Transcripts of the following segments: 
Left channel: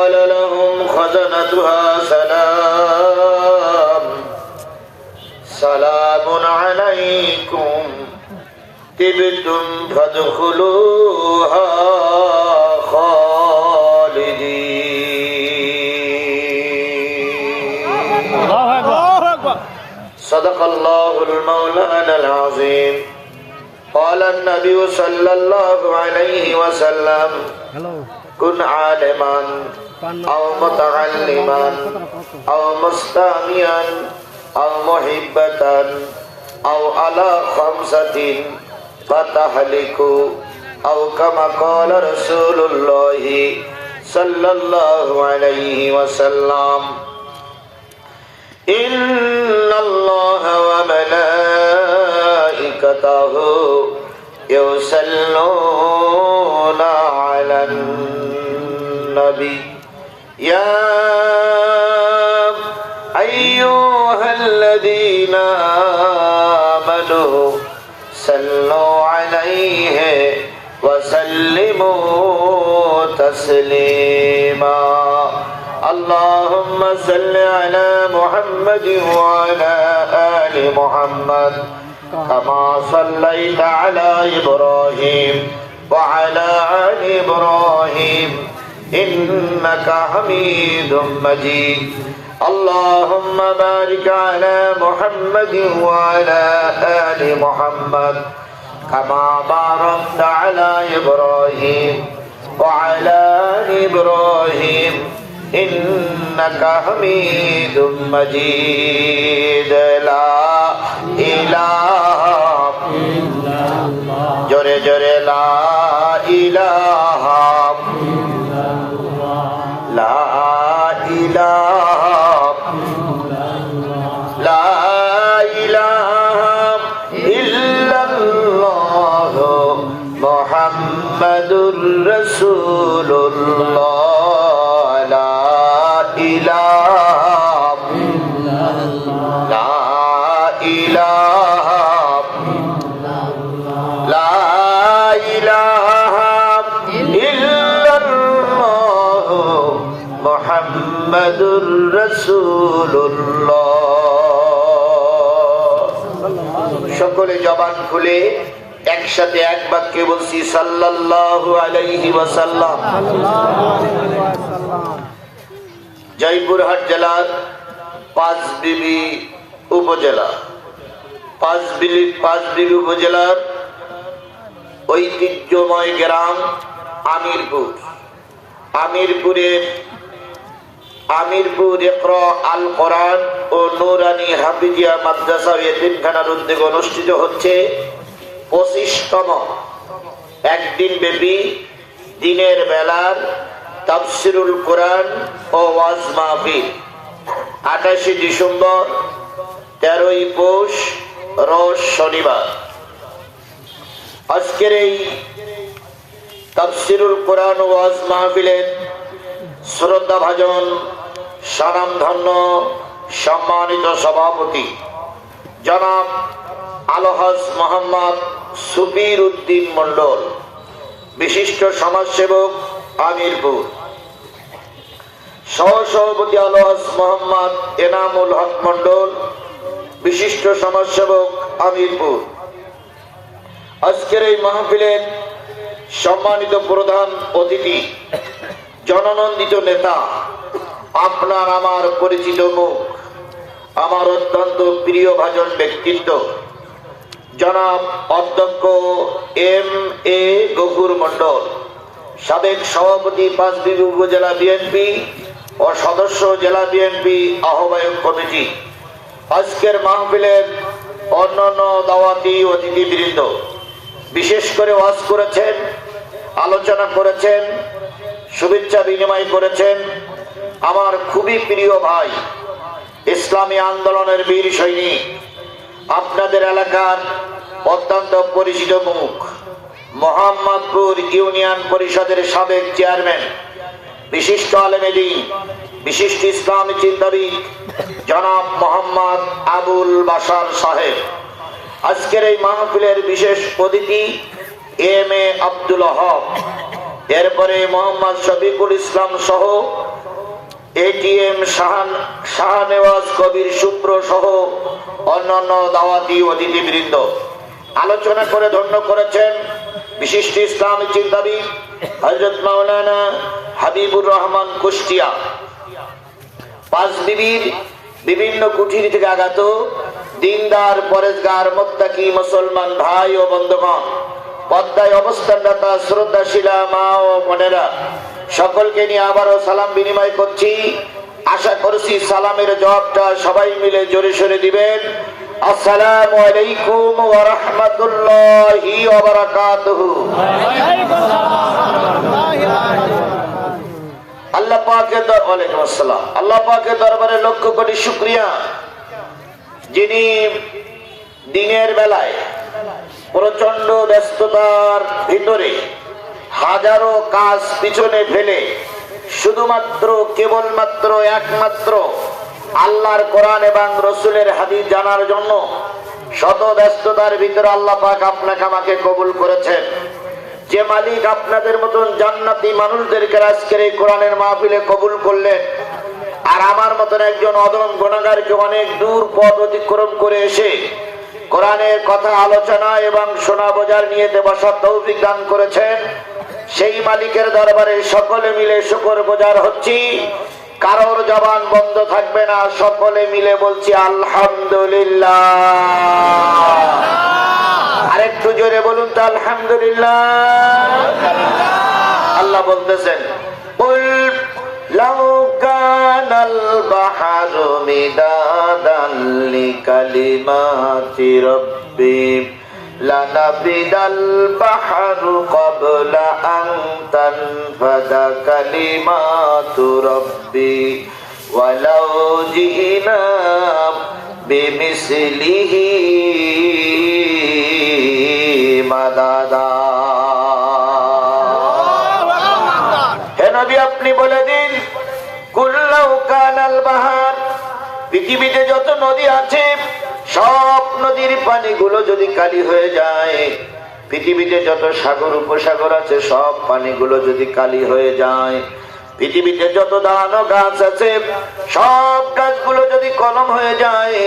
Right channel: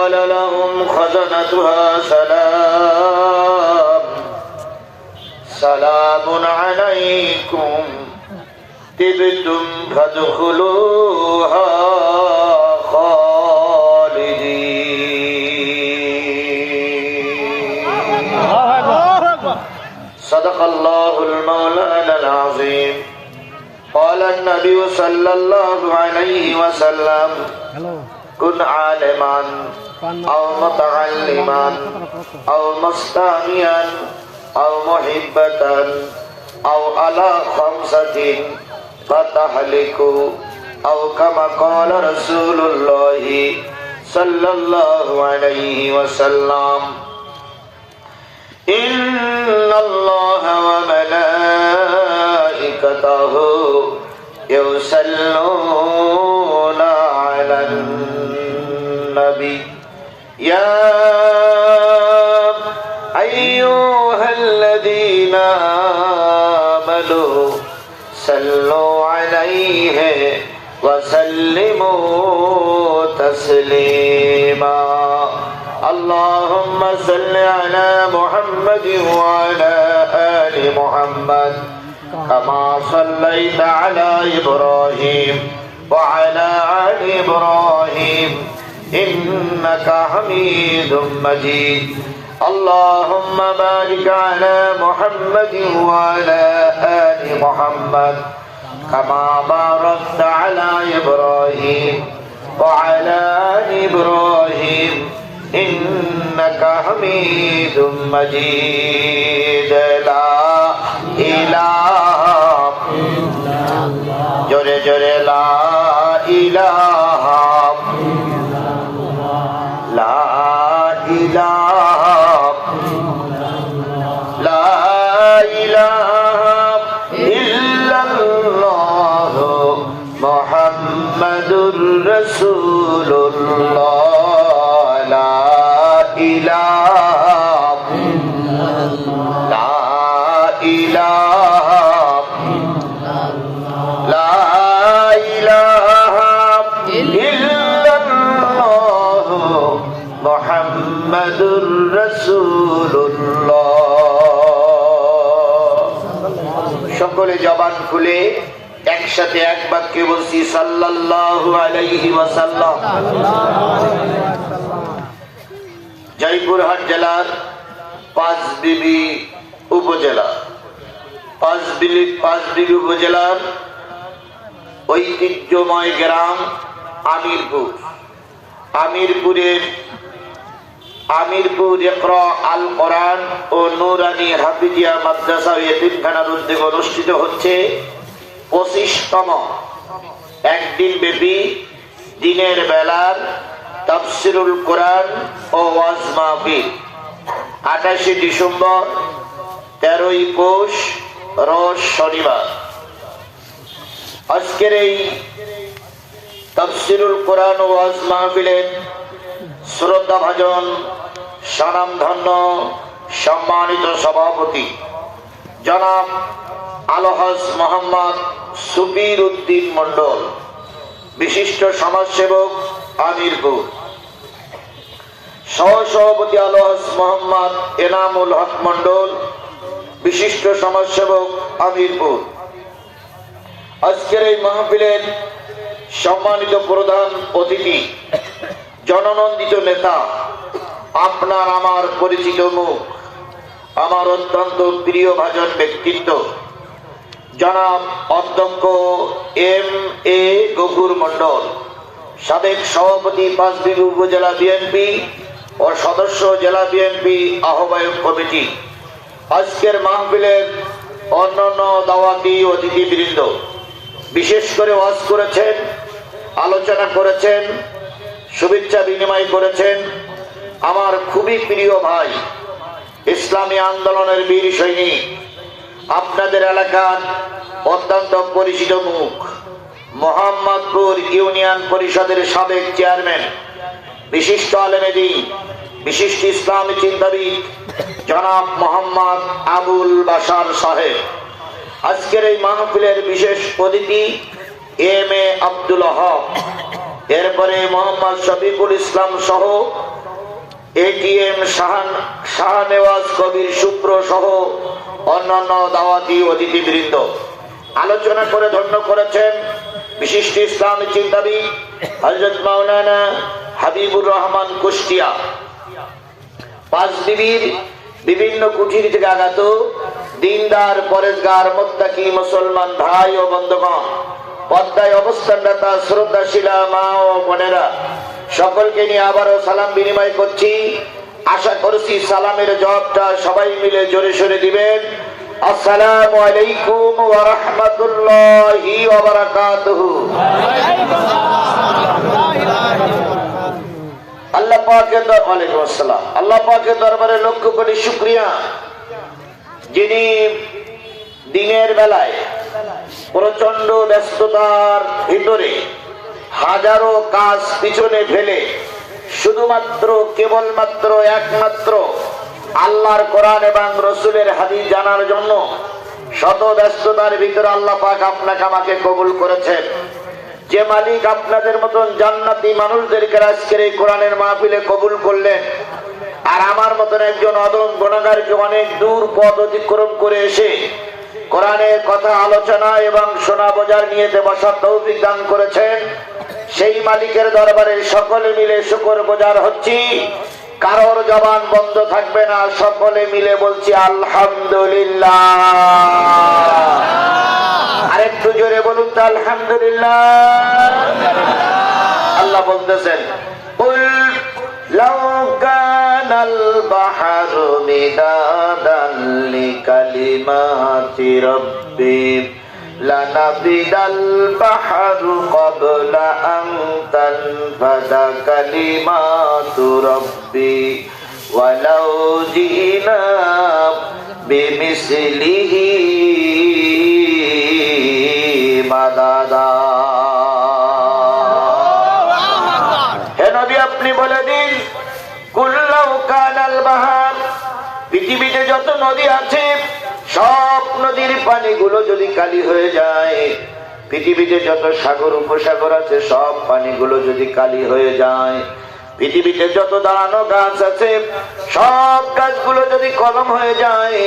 قال لهم خزنتها سلام عليكم طبتم فادخلوها صدق الله المولانا العظيم. قال النبي صلى الله عليه وسلم كن عالما أو متعلما أو مستغنيا أو محبة أو على خمسة فتهلك أو كما قال رسول الله صلى الله عليه وسلم إن الله وملائكته يصلون على النبي يا أيها الذين آمنوا صلوا عليه وسلموا تسليما. اللهم صل على محمد وعلى آل محمد كما صليت على إبراهيم وعلى آل إبراهيم إنك حميد مجيد. اللهم بارك على محمد وعلى آل محمد كما باركت على إبراهيم وعلى آل إبراهيم إنك حميد مجيد. لا إله إلا الله جورے جورے لا إله إلا الله لا إله لا إله إلا الله محمد رسول الله মুহাম্মাদুর রাসূলুল্লাহ। সকলে জবান খুলে একসাথে এক বাক্যে বলছি সাল্লাল্লাহু আলাইহি ওয়াসাল্লাম। জয়পুরহাট জেলার পাঁচবিবি উপজেলার ঐতিহ্যময় গ্রাম আমিরপুর ইকরা আল কোরআন ও নুরানি হাফিজিয়া মাদ্রাসা ও এতিমখানার উদ্যোগে অনুষ্ঠিত হচ্ছে 25তম একদিন ব্যাপী দিনের বেলার তাফসিরুল কোরআন ও ওয়াজ মাহফিল। 28 ডিসেম্বর, 13ই পৌষ, রোজ শনিবার। আজকের এই তাফসিরুল কোরআন ও ওয়াজ মাহফিলের শ্রদ্ধাভাজন স্বনামধন্য সম্মানিত সভাপতি জনাব আলহাজ মোহাম্মদ সুবির উদ্দিন মন্ডল, বিশিষ্ট সমাজসেবক আমিরপুর, সহসভাপতি আলহাজ মোহাম্মদ এনামুল হক মন্ডল, বিশিষ্ট সমাজসেবক আমিরপুর। আজকের এই মাহফিলের সম্মানিত প্রধান অতিথি, জননন্দিত নেতা, আপনার আমার পরিচিত মুখ, আমার অত্যন্ত প্রিয় ভাজন ব্যক্তিত্ব জনাব অধ্যক্ষ M.A. গফুর মন্ডল, সাবেক সভাপতি পাঁচবিবি উপজেলা বিএনপি ও সদস্য জেলা বিএনপি আহ্বায়ক কমিটি। আজকের মাহফিলের অন্যান্য দাওয়াতি অতিথিবৃন্দ, বিশেষ করে ওয়াজ করেছেন, আলোচনা করেছেন, শুভেচ্ছা বিনিময় করেছেন আমার খুবই প্রিয় ভাই, ইসলামী আন্দোলনের বীর সৈনিক, আপনাদের এলাকার অত্যন্ত পরিচিত মুখ, মোহাম্মদপুর ইউনিয়ন পরিষদের সাবেক চেয়ারম্যান, বিশিষ্ট আলেমে দ্বীন, বিশিষ্ট ইসলামী চিন্তাবিদ জনাব মোহাম্মদ আবুল বাশার সাহেব। আজকের এই মাহফিলের বিশেষ অতিথি M.A. আব্দুল হক, এরপরে মোহাম্মদ শফিকুল ইসলাম সহ এটিএম শাহনেওয়াজ কবির শুভ্র সহ অন্যান্য দাওয়াতি অতিথিবৃন্দ। আলোচনা করে ধন্য করেছেন বিশিষ্ট ইসলামী চিন্তাবিদ হযরত মাওলানা হাবিবুর রহমান কুষ্টিয়া। পাঁচবিবির বিভিন্ন কুঠির থেকে আগত দিনদার পরেজগার মুত্তাকি মুসলমান ভাই ও বন্ধুগণ, পদ্মায় অবস্থানরতা শ্রদ্ধাশীলা মা ও বোনেরা, সকলকে নিয়ে আবারও সালাম বিনিময় করছি। আশা করছি সালামের জবাবটা সবাই মিলে জোরে সোরে দিবেন। আসসালামু আলাইকুম ওয়া রাহমাতুল্লাহি ওয়া বারাকাতুহু। আল্লাহ পাকের ওয়ালাইকুম আসসালাম। আল্লাহ পাকের দরবারে লক্ষ কোটি শুকরিয়া, যিনি দিনের বেলায় প্রচন্ড ব্যস্ততার ভিতরে হাজারো কাজ পিছনে ফেলে শুধুমাত্র কেবলমাত্র একমাত্র আল্লাহর কোরআন এবং রসুলের হাদিস জানার জন্য শত ব্যস্ততার ভিতরে আল্লাহ পাক আপনাকে আমাকে কবুল করেছেন। যে মালিক আপনাদের মতন জান্নাতি মানুষদেরকে আজকের এই কোরআনের মাহফিলে কবুল করলেন, আর আমার মতন একজন অদম গুনাহগারকে অনেক দূর পথ অতিক্রম করে এসে কোরআনের কথা আলোচনা এবং শোনা বোঝার নিয়ে বসার তৌফিক দান করেছেন, সেই মালিকের দরবারে সকলে মিলে শুকর গুজার হচ্ছি। কারোর জবান বন্ধ থাকবে না, সকলে মিলে বলছি আলহামদুলিল্লাহ। আরেকটু জোরে বলুন তো আলহামদুলিল্লাহ। আল্লাহ বলতেছেন, কুল লাউ কানাল বাহরু মিদাদান লিকালিমাতি রাব্বি লানাফিদাল বাহরু ক্বাবলা আন তানফাদা কালিমাতু রাব্বি ওয়ালাউ জিনা বিমিসলিহি মাদাদা। হে নবী, আপনি বলে দিন, কুল লাউ কানাল বাহর, পৃথিবীতে যত নদী আছে সব নদীর পানিগুলো যদি কালি হয়ে যায়, পৃথিবীতে যত সাগর উপসাগর আছে সব পানিগুলো যদি কালি হয়ে যায়, পৃথিবীতে যত দান ও গাছ আছে সব গাছগুলো যদি কলম হয়ে যায়,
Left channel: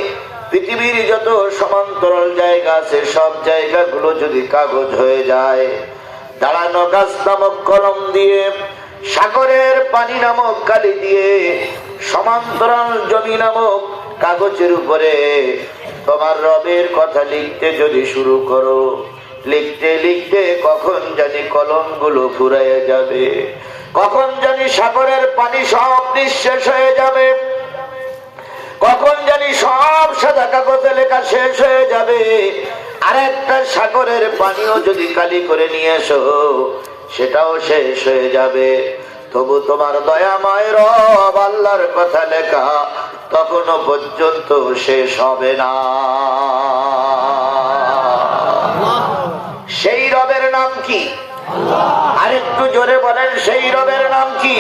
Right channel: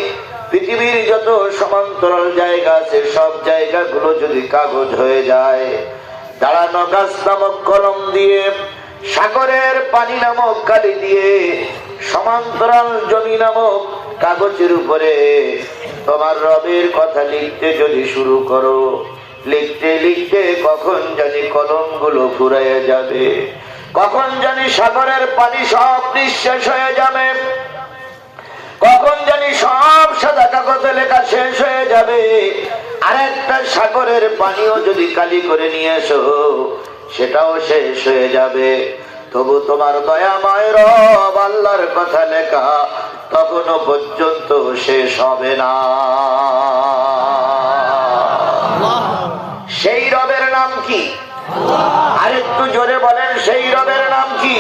পৃথিবীর যত সমান্তরাল জায়গা আছে সব জায়গাগুলো যদি কাগজ হয়ে যায়, দাঁড়ানো গাছ নামক কলম দিয়ে, সাগরের পানি নামক কালি দিয়ে, সমান্তরাল জমি নামক কাগজের উপরে তোমার রবের কথা লিখতে যদি শুরু করো, লিখতে লিখতে কখন জানি কলমগুলো ফুরাইয়া যাবে, কখন জানি সাগরের পানি সব নিঃশেষ হয়ে যাবে, কখন জানি সব সাদা কাগজে লেখা শেষ হয়ে যাবে, আর একটা সাগরের পানিও যদি কালি করে নিয়ে এসো সেটাও শেষ হয়ে যাবে, তবু তোমার দয়াময় রব আল্লাহর কথা লেখা তখনো পর্যন্ত শেষ হবে না। সেই রবের নাম কি? আরেকটু জোরে বলেন, সেই রবের নাম কি?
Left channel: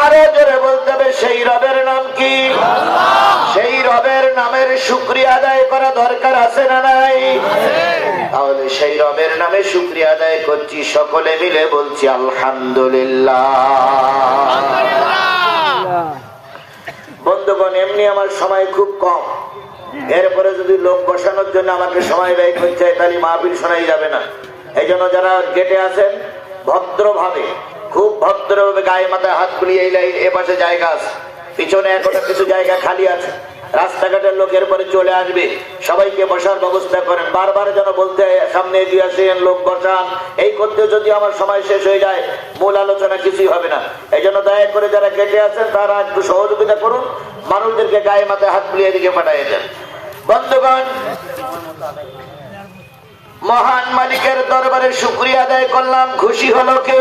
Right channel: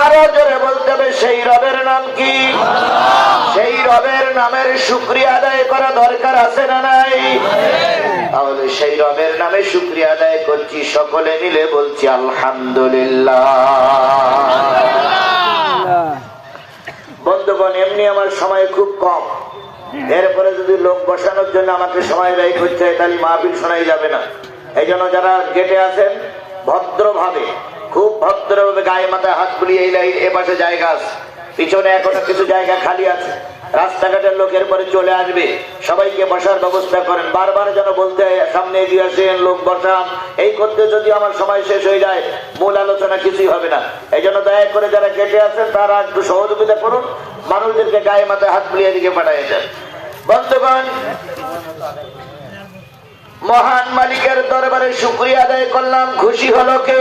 আরো জোরে বলতে হবে, সেই রবের নাম কি? সেই রবের নামের শুকরিয়া আদায় করা দরকার আছে না নাই? তাহলে সেই রবের নামে শুকরিয়া আদায় করছি, সকলে মিলে বলছি আলহামদুলিল্লাহ। বন্ধুগণ, এমনি আমার সময় খুব কম, এরপরে যদি লোক বসানোর জন্য আমাকে সময় ব্যয় করতে হয় তাহলে মাহফিল শোনাই যাবে না। এই জন্য যারা গেটে আছেন ভদ্রভাবে, খুব ভদ্রভাবে গায়ে মাথায় হাত বুলিয়ে এ পাশে জায়গা আছে, পিছনে এখনো কিছু জায়গা খালি আছে, রাস্তাঘাটের লোকের পরে চলে আসবে, সবাইকে বসার ব্যবস্থা করেন। বারবার যেন বলতে সামনে এগিয়ে আসেন, লোক বসান, এই করতে যদি আমার সময় শেষ হয়ে যায় মূল আলোচনা কিছুই হবে না। এই জন্য দয়া করে যারা কেটে আছেন তারা একটু সহযোগিতা করুন, মানুষদেরকে গায়ে মাথায় হাত বুলিয়ে দিকে পাঠিয়ে দেন। বন্ধুগণ, মহান মালিকের দরবারে শুকরিয়া আদায় করলাম, খুশি হলো কে?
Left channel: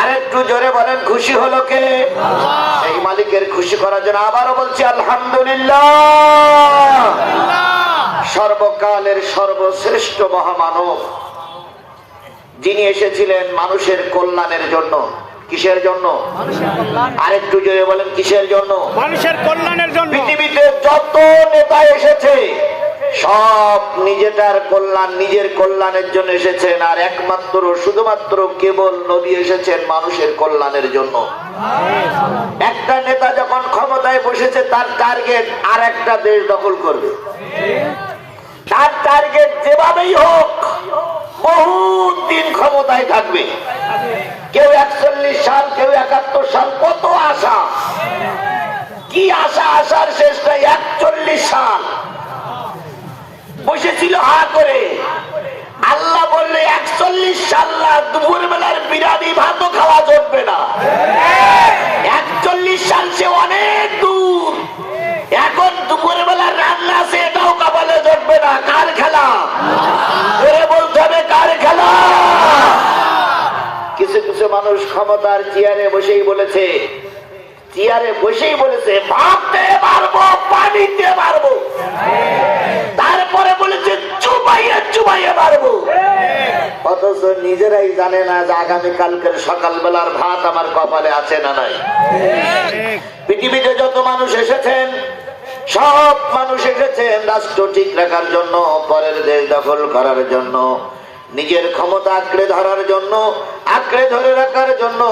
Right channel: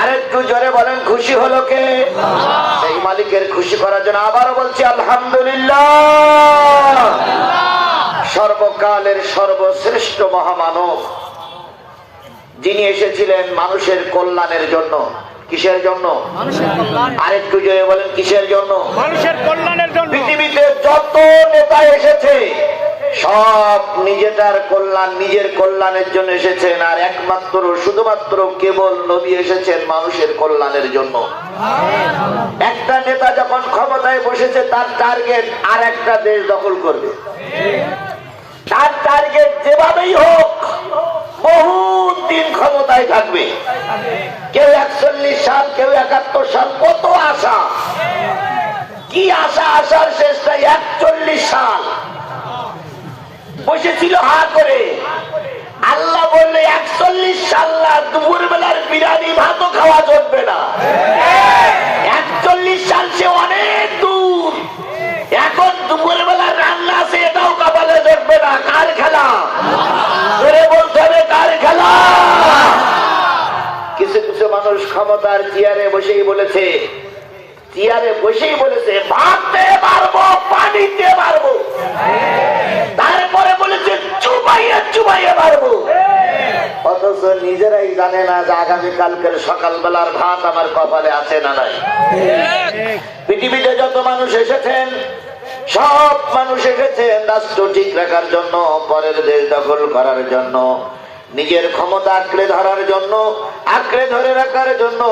আরেকটু জোরে বলেন, খুশি হলো কে? সেই মালিকের খুশি করার জন্য আবারও বলছি আলহামদুলিল্লাহ। সর্বকালের সর্বশ্রেষ্ঠ মহামানব, যিনি এসেছিলেন মানুষের কল্যাণের জন্য। কিসের জন্য? আরেকটু জোরে বলেন, কিসের জন্য? মানুষের কল্যাণের জন্য। পৃথিবীতে যত নেতা এসেছে সব নিজেটার কল্যাণ, নিজের কল্যাণের জন্য এসেছেন, আর একমাত্র শুধুমাত্র কেবল নবী এসেছেন মানুষের কল্যাণের জন্য। একটা নেতা যখন ক্ষমতায় বসেছে তার টার্গেট আর একটা দেশ দখল করবে। তার টার্গেট যেভাবেই হোক বহুত দিন ক্ষমতায় থাকবে। কেউ 41 সাল, কেউ 71 সাল, কত আশা, কি আশা, আশার শেষটা 41 সাল বসেছিল হা করে। আল্লাহ বললে 41 সাল না, দুপুর বেলার বিরিয়ানি ভাতও খাওয়া চলবে না। 41 সাল সে অনেক দূর, এখন দুপুর বেলার রান্না আছে এটাও কপালে চলবে না। কার খেলা করে বলতে হবে, কার খেলা? কিছু কিছু মানুষ ক্ষমতার চেয়ারে বসেই বলেছে, ভাবতে পারবো, পানিতে পারবো, তারপরে বলেছে চুবাইয়া পারবো। অথচ নিজেরাই জানে না যে আগামীকালকের সকালবেলার ভাত আমার কপালে আছে না নাই। পৃথিবীতে যত মানুষ এসেছেন, সব মানুষ এসেছেন রাষ্ট্র ঠিক রাখার জন্য, পরের দেশ দখল করার জন্য, নিজের ক্ষমতা আঁকড়ে ধরার জন্য, আঁকড়ে ধরে রাখার জন্য।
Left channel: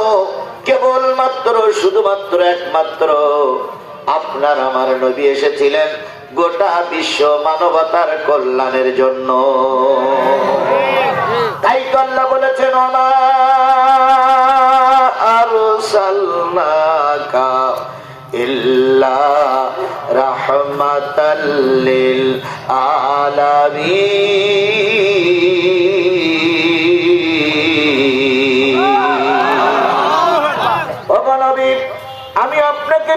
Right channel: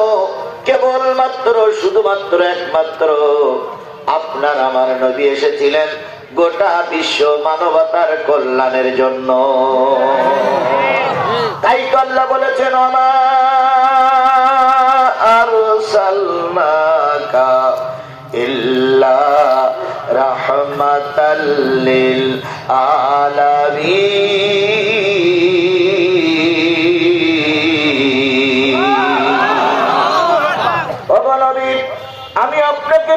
কেবলমাত্র শুধুমাত্র একমাত্র আপনার আমার নবী এসেছিলেন গোটা বিশ্ব মানবতার কল্যাণের জন্য। তাই তো আল্লাহ বলেছেন, ওমা আরসালনাকা ইল্লা রাহমাতাল লিল আলামিন। আমি আপনাকে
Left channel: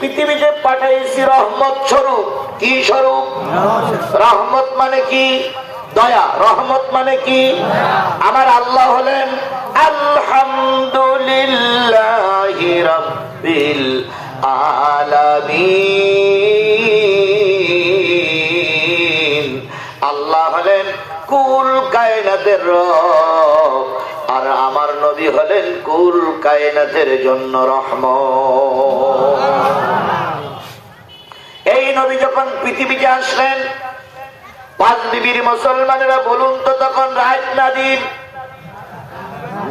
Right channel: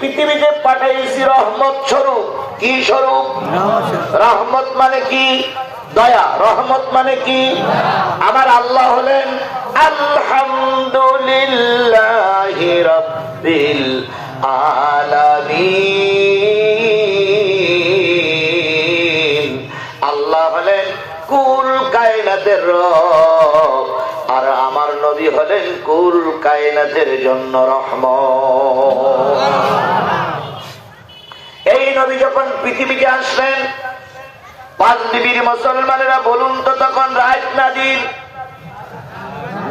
পৃথিবীতে পাঠাইছি রহমত স্বরূপ। কি স্বরূপ? রহমত মানে কি? দয়া। রহমত মানে কি? আমার আল্লাহ হলেন আলহামদুলিল্লাহি রাব্বিল আলামিন। আল্লাহ হলেন কুল কায়নাতের রব, আর আমার নবী হলেন কুল কায়নাতের জন্য রহমত। এই নবী যখন পৃথিবীতে আসলেন, 5 বিবির মুসলমানেরা বলুন তো তখন রাত না দিন?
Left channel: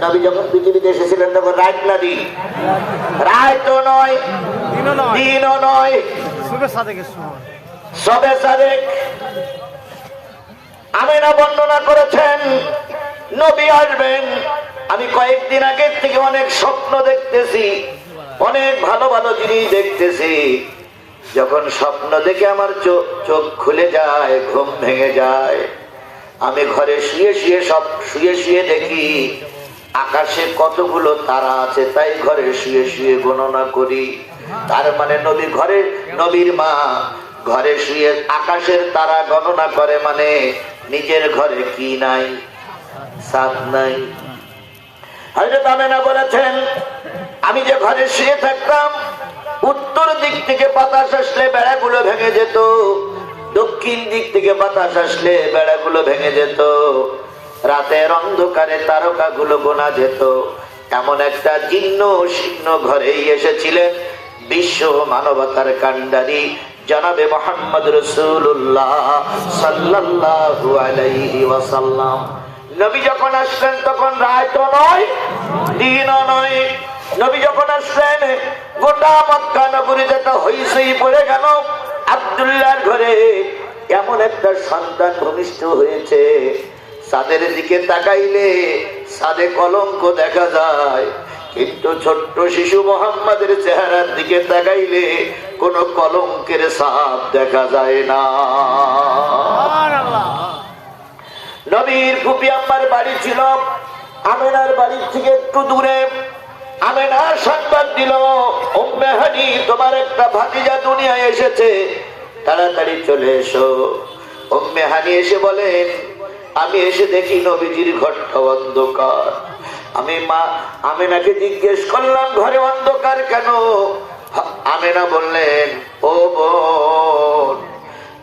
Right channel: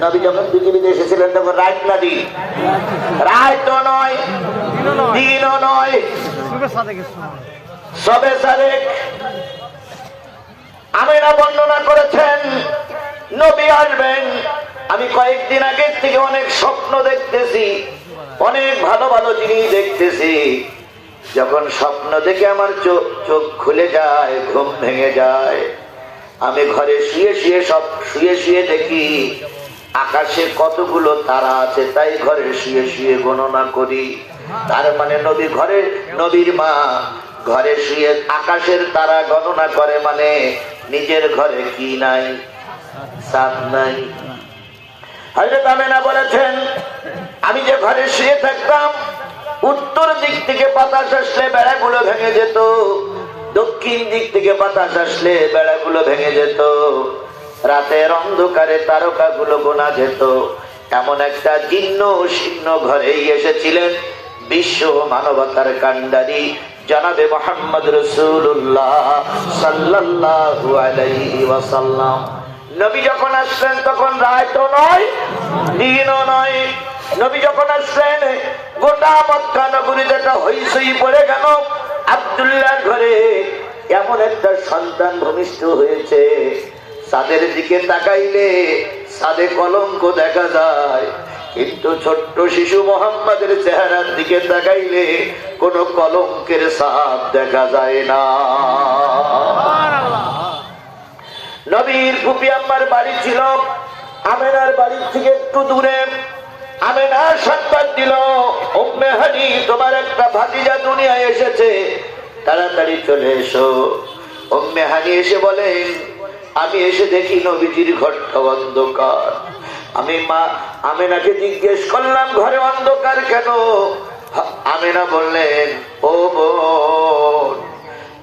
নবী যখন পৃথিবীতে এসেছিলেন তখন রাত না দিন? রাতও নয়, দিনও নয়, সবে সাদেক। আমেনা বর্ণনা করেছেন নবী আসবেন। আমি কয়েকদিন আগের থেকে অনেক স্বপ্ন দেখতেছি, অনেক ভালো ভালো জিনিস দেখতেছি। যখন স্বপ্ন দেখে আমার চোখ খুলে যায়, ঘুম ভেঙে যায়, আমি ঘরে শুয়ে শুয়ে দেখি আকাশে কতগুলো তারা আছে, তাই ঘরে শুয়ে গণনা করি। তার মানে নবীর মা ঘরে শুয়ে আকাশের তারা গণনা করে, মানে নিজের ঘরে কি নাই? ছাদ নাই। হযরত আমেনা বলেছেন, আমি যে ঘরে শুয়ে থাকতাম, উত্তর দিক থেকে বাতাস আসলে বেড়াগুলো ভেঙে যেত, দক্ষিণ দিক থেকে বাতাস আসলে বেড়াগুলো ভেঙে যেত, রাতের অন্ধকারে তারকাগুলো গোনা যেত। এমন একটা জীর্ণ শীর্ণ ঘরেই এসেছিলেন বিশ্ব মানবতার কান্ডারি জনাবে মুহাম্মদ রাসূলুল্লাহ সাল্লাল্লাহু আলাইহি ওয়াসাল্লাম। নবী যখন আসলেন তখন রাতও নয়, দিনও নয়। নবী যখন আসলেন গোটা মক্কা নগরীতে একটা হইচই পড়ে গেল। আব্দুল্লাহর ঘরে এমন একটা সন্তান ভূমিষ্ঠ হয়েছে, চাঁদের দিকে তাকাইলে চাঁদে কলঙ্ক দেখা যায়, কিন্তু ছোট্ট শিশু মোহাম্মদের চেহারার দিকে তাকাইলে কোন কলঙ্কের ছাপ দেখা যায় না। নবীর ফুপি আম্মার বাড়ি ছিল আমেনার বাড়ির থেকে একটু দূরে। আমেনা সংবাদ দিল, উম্মে হানি তোমার একটা ভাতিজা দুনিয়ায় এসেছে, তাড়াতাড়ি চলে এসো। উম্মে হানি এসে বলেন, আমি এসে দেখি নবীজির ঘরটা অন্ধকার। আমি মা আমেনাকে জিজ্ঞেস করলাম, ঘরে অন্ধকার কেন? আমেনা বললেন, ও বোন,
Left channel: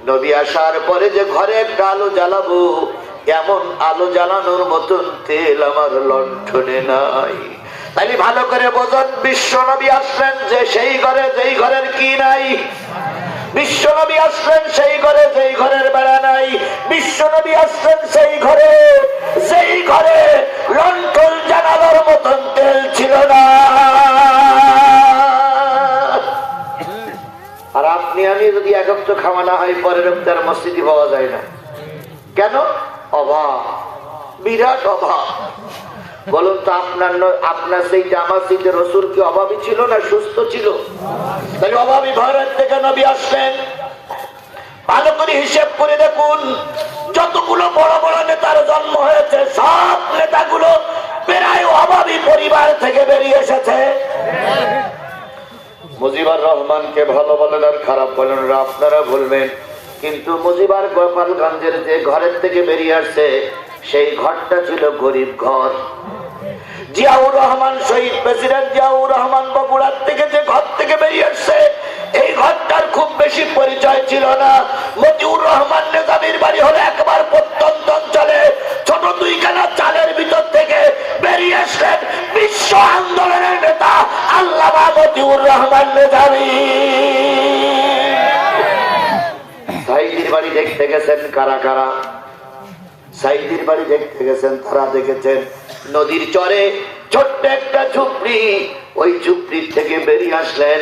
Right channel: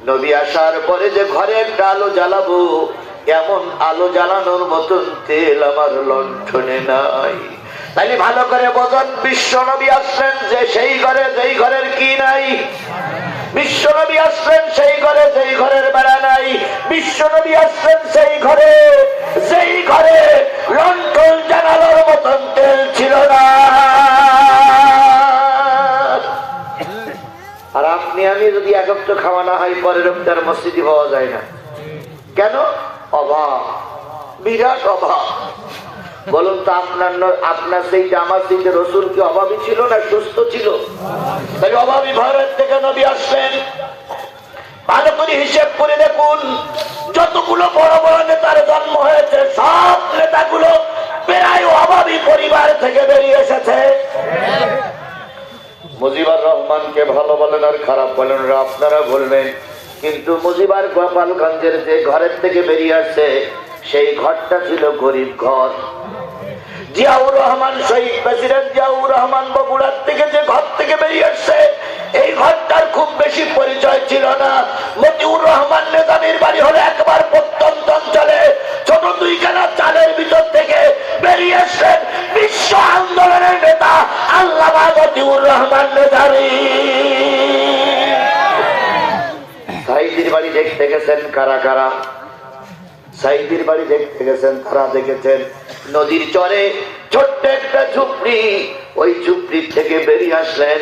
নবী আসার পরে যে ঘরে একটা আলো জ্বালাবো, এমন আলো জ্বালানোর মতন তেল আমার লণ্ঠনে নাই। তাই ভালো করে বোঝেন, বিশ্ব নবী আসলেন যে সেই ঘরে যেই ঘরের কি নাই। বিশ্ব নবী আসলেন সেই ঘরে যেই ঘরের গোস্ত খাওয়া না হয় পরের রমজান মসজিদে পাওয়া যায় না কেন? অভাব, বিরাট অভাব। বলুন তো আপনার সেই আমার সেই রসুল কি অভাবী ছিল না সুস্থ ছিল? অভাবী ভারত থেকে নবী আসলেন। ভালো করে হিসেব করে দেখুন, যতগুলো বড় বড় নেতার জন্ম হয়েছে সব নেতাগুলো প্রায় অভাবী পরিবার থেকে বেরিয়ে এসেছে। মুজিবুর রহমানকে ভালো বলেন আর খারাপ বলেন আপনারা বলবেন, কিন্তু মুজিবার গোপালগঞ্জের যে ঘরের থেকে বেরিয়ে আসছে সেই ঘরটা ছিল গরিব ঘর। জিয়াউর রহমান, শহীদ প্রেসিডেন্ট জিয়াউর রহমান বগুড়ার থেকে যে ঘর থেকে বেরিয়ে আসছে এই ঘরটার খুব বেশি পরিচয় ছিল না। মতিউর রহমান নেতানির বাড়ি হলো একবার প্রত্যন্ত অঞ্চলে ছোট দুইখানা চালের ভিতর থেকে বেরিয়ে আসলেন বিশ্ব আন্দোলনের নেতা আল্লামা মতিউর রহমান নেতানি। সাইদির বাড়ি দেখতে গেছেন কারা কারা? সাইদির বাড়ি দেখতে গেছেন তারা দেখেছেন নদীর চরে ছোট্ট একটা ঝুপড়ি, ওই ঝুপড়ির থেকে বেরিয়ে আসলেন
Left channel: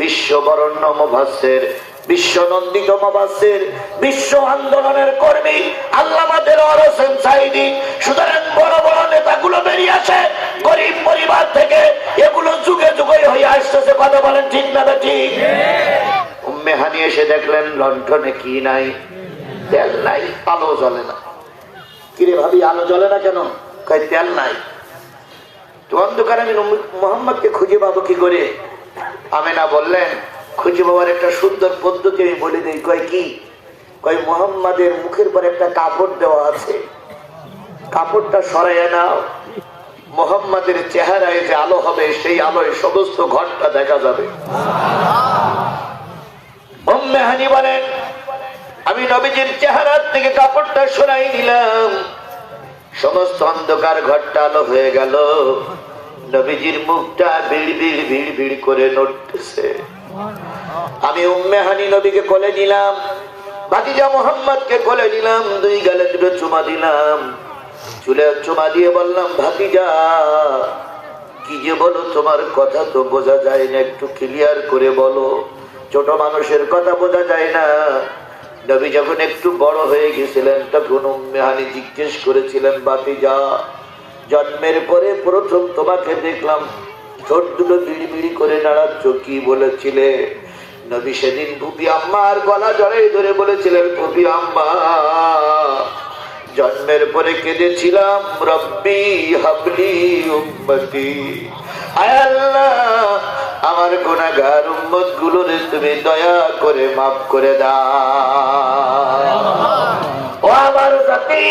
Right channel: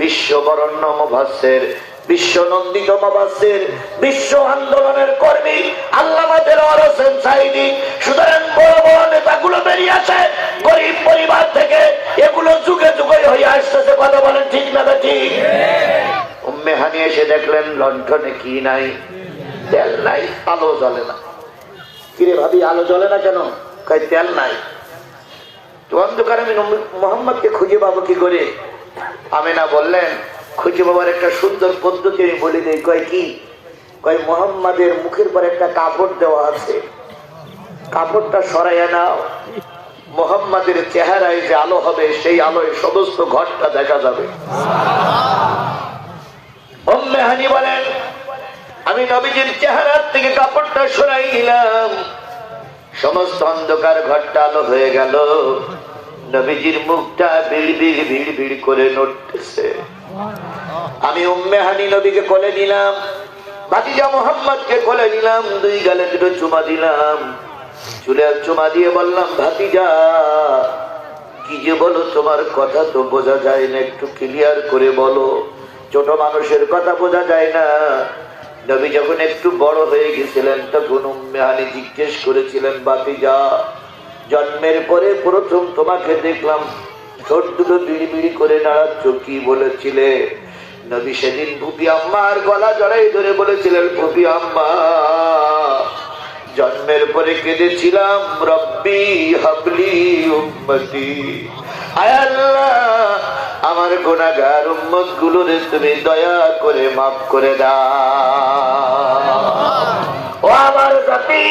বিশ্ব বরণ্য মুফাসসির, বিশ্ব নন্দিত মুফাসসির, বিশ্ব আন্দোলনের কর্মী আল্লামা দেলোয়ার হোসেন সাইদি। সুতরাং বড় বড় নেতাগুলো বেরিয়ে আসে গরিব পরিবার থেকে, এগুলো যুগে যুগে হয়ে আসতেছে। কথা বলেন ঠিক না ঠিক? উম্মে হানি এসে দেখলেন লণ্ঠনে কি নাই? তেল নাই, আলো জ্বলে না। কিরে ভাবি আলো জ্বলে না কেন? কয় তেল নাই। তো অন্ধকারে আমি মোহাম্মদকে খুঁজে পাবো কি করে? আমিনা বললেন খুঁজে পাওয়ার একটা সুন্দর পদ্ধতি আমি বলে দিই। কয় কি? কয় মোহাম্মদের মুখের পর একটা কাপড় দেওয়া আছে, কাপড়টা সরাইয়া নাও, মোহাম্মদের চেহারায় যে আলো হবে সেই আলোয় সমস্ত ঘরটা দেখা যাবে। উম্মে হানি বলেন আমি নবীজির চেহারার থেকে কাপড়টা সরাই নিলাম, সমস্ত অন্ধকার ঘরটা আলো হয়ে গেল। নবীজির মুখটা ভিড় ভিড় ভিড় ভিড় করে নড়তেছে। আমি উম্মে হানি নবীকে কোলে নিলাম, ভাতিজা মোহাম্মদকে কোলে নিলাম, দুই গালে দুটো চুমা দিলাম। চুলে চুমা দিয়ে বললাম ভাতিজা কি যে বলো, তোমার কথা তো বোঝা যায় না, একটু ক্লিয়ার করে বলো, ছোট মানুষের কথা বোঝা যায় না। নবী যখন একটু বড় হয়ে গেছিলেন তখন উম্মে হানি জিজ্ঞেস করেছিলেন ভাতিজা জন্মের পরে প্রথম তোমাকে দেখলাম ঠোঁট দুটো বিড়ি বিড়ি করে নাড়াচ্ছ, কি বলেছিলে? নবী সেদিন বুবি আম্মার গলা জড়াই ধরে বলেছিলেন বুবি আম্মা জন্মের পরে কেঁদেছিলাম রব্বি হাবলি উম্মতি, আয় আল্লাহ আমার গুনাহগার উম্মত গুলোরে তুমি দয়া করে মাফ করে দাও। ও আমার জাতি,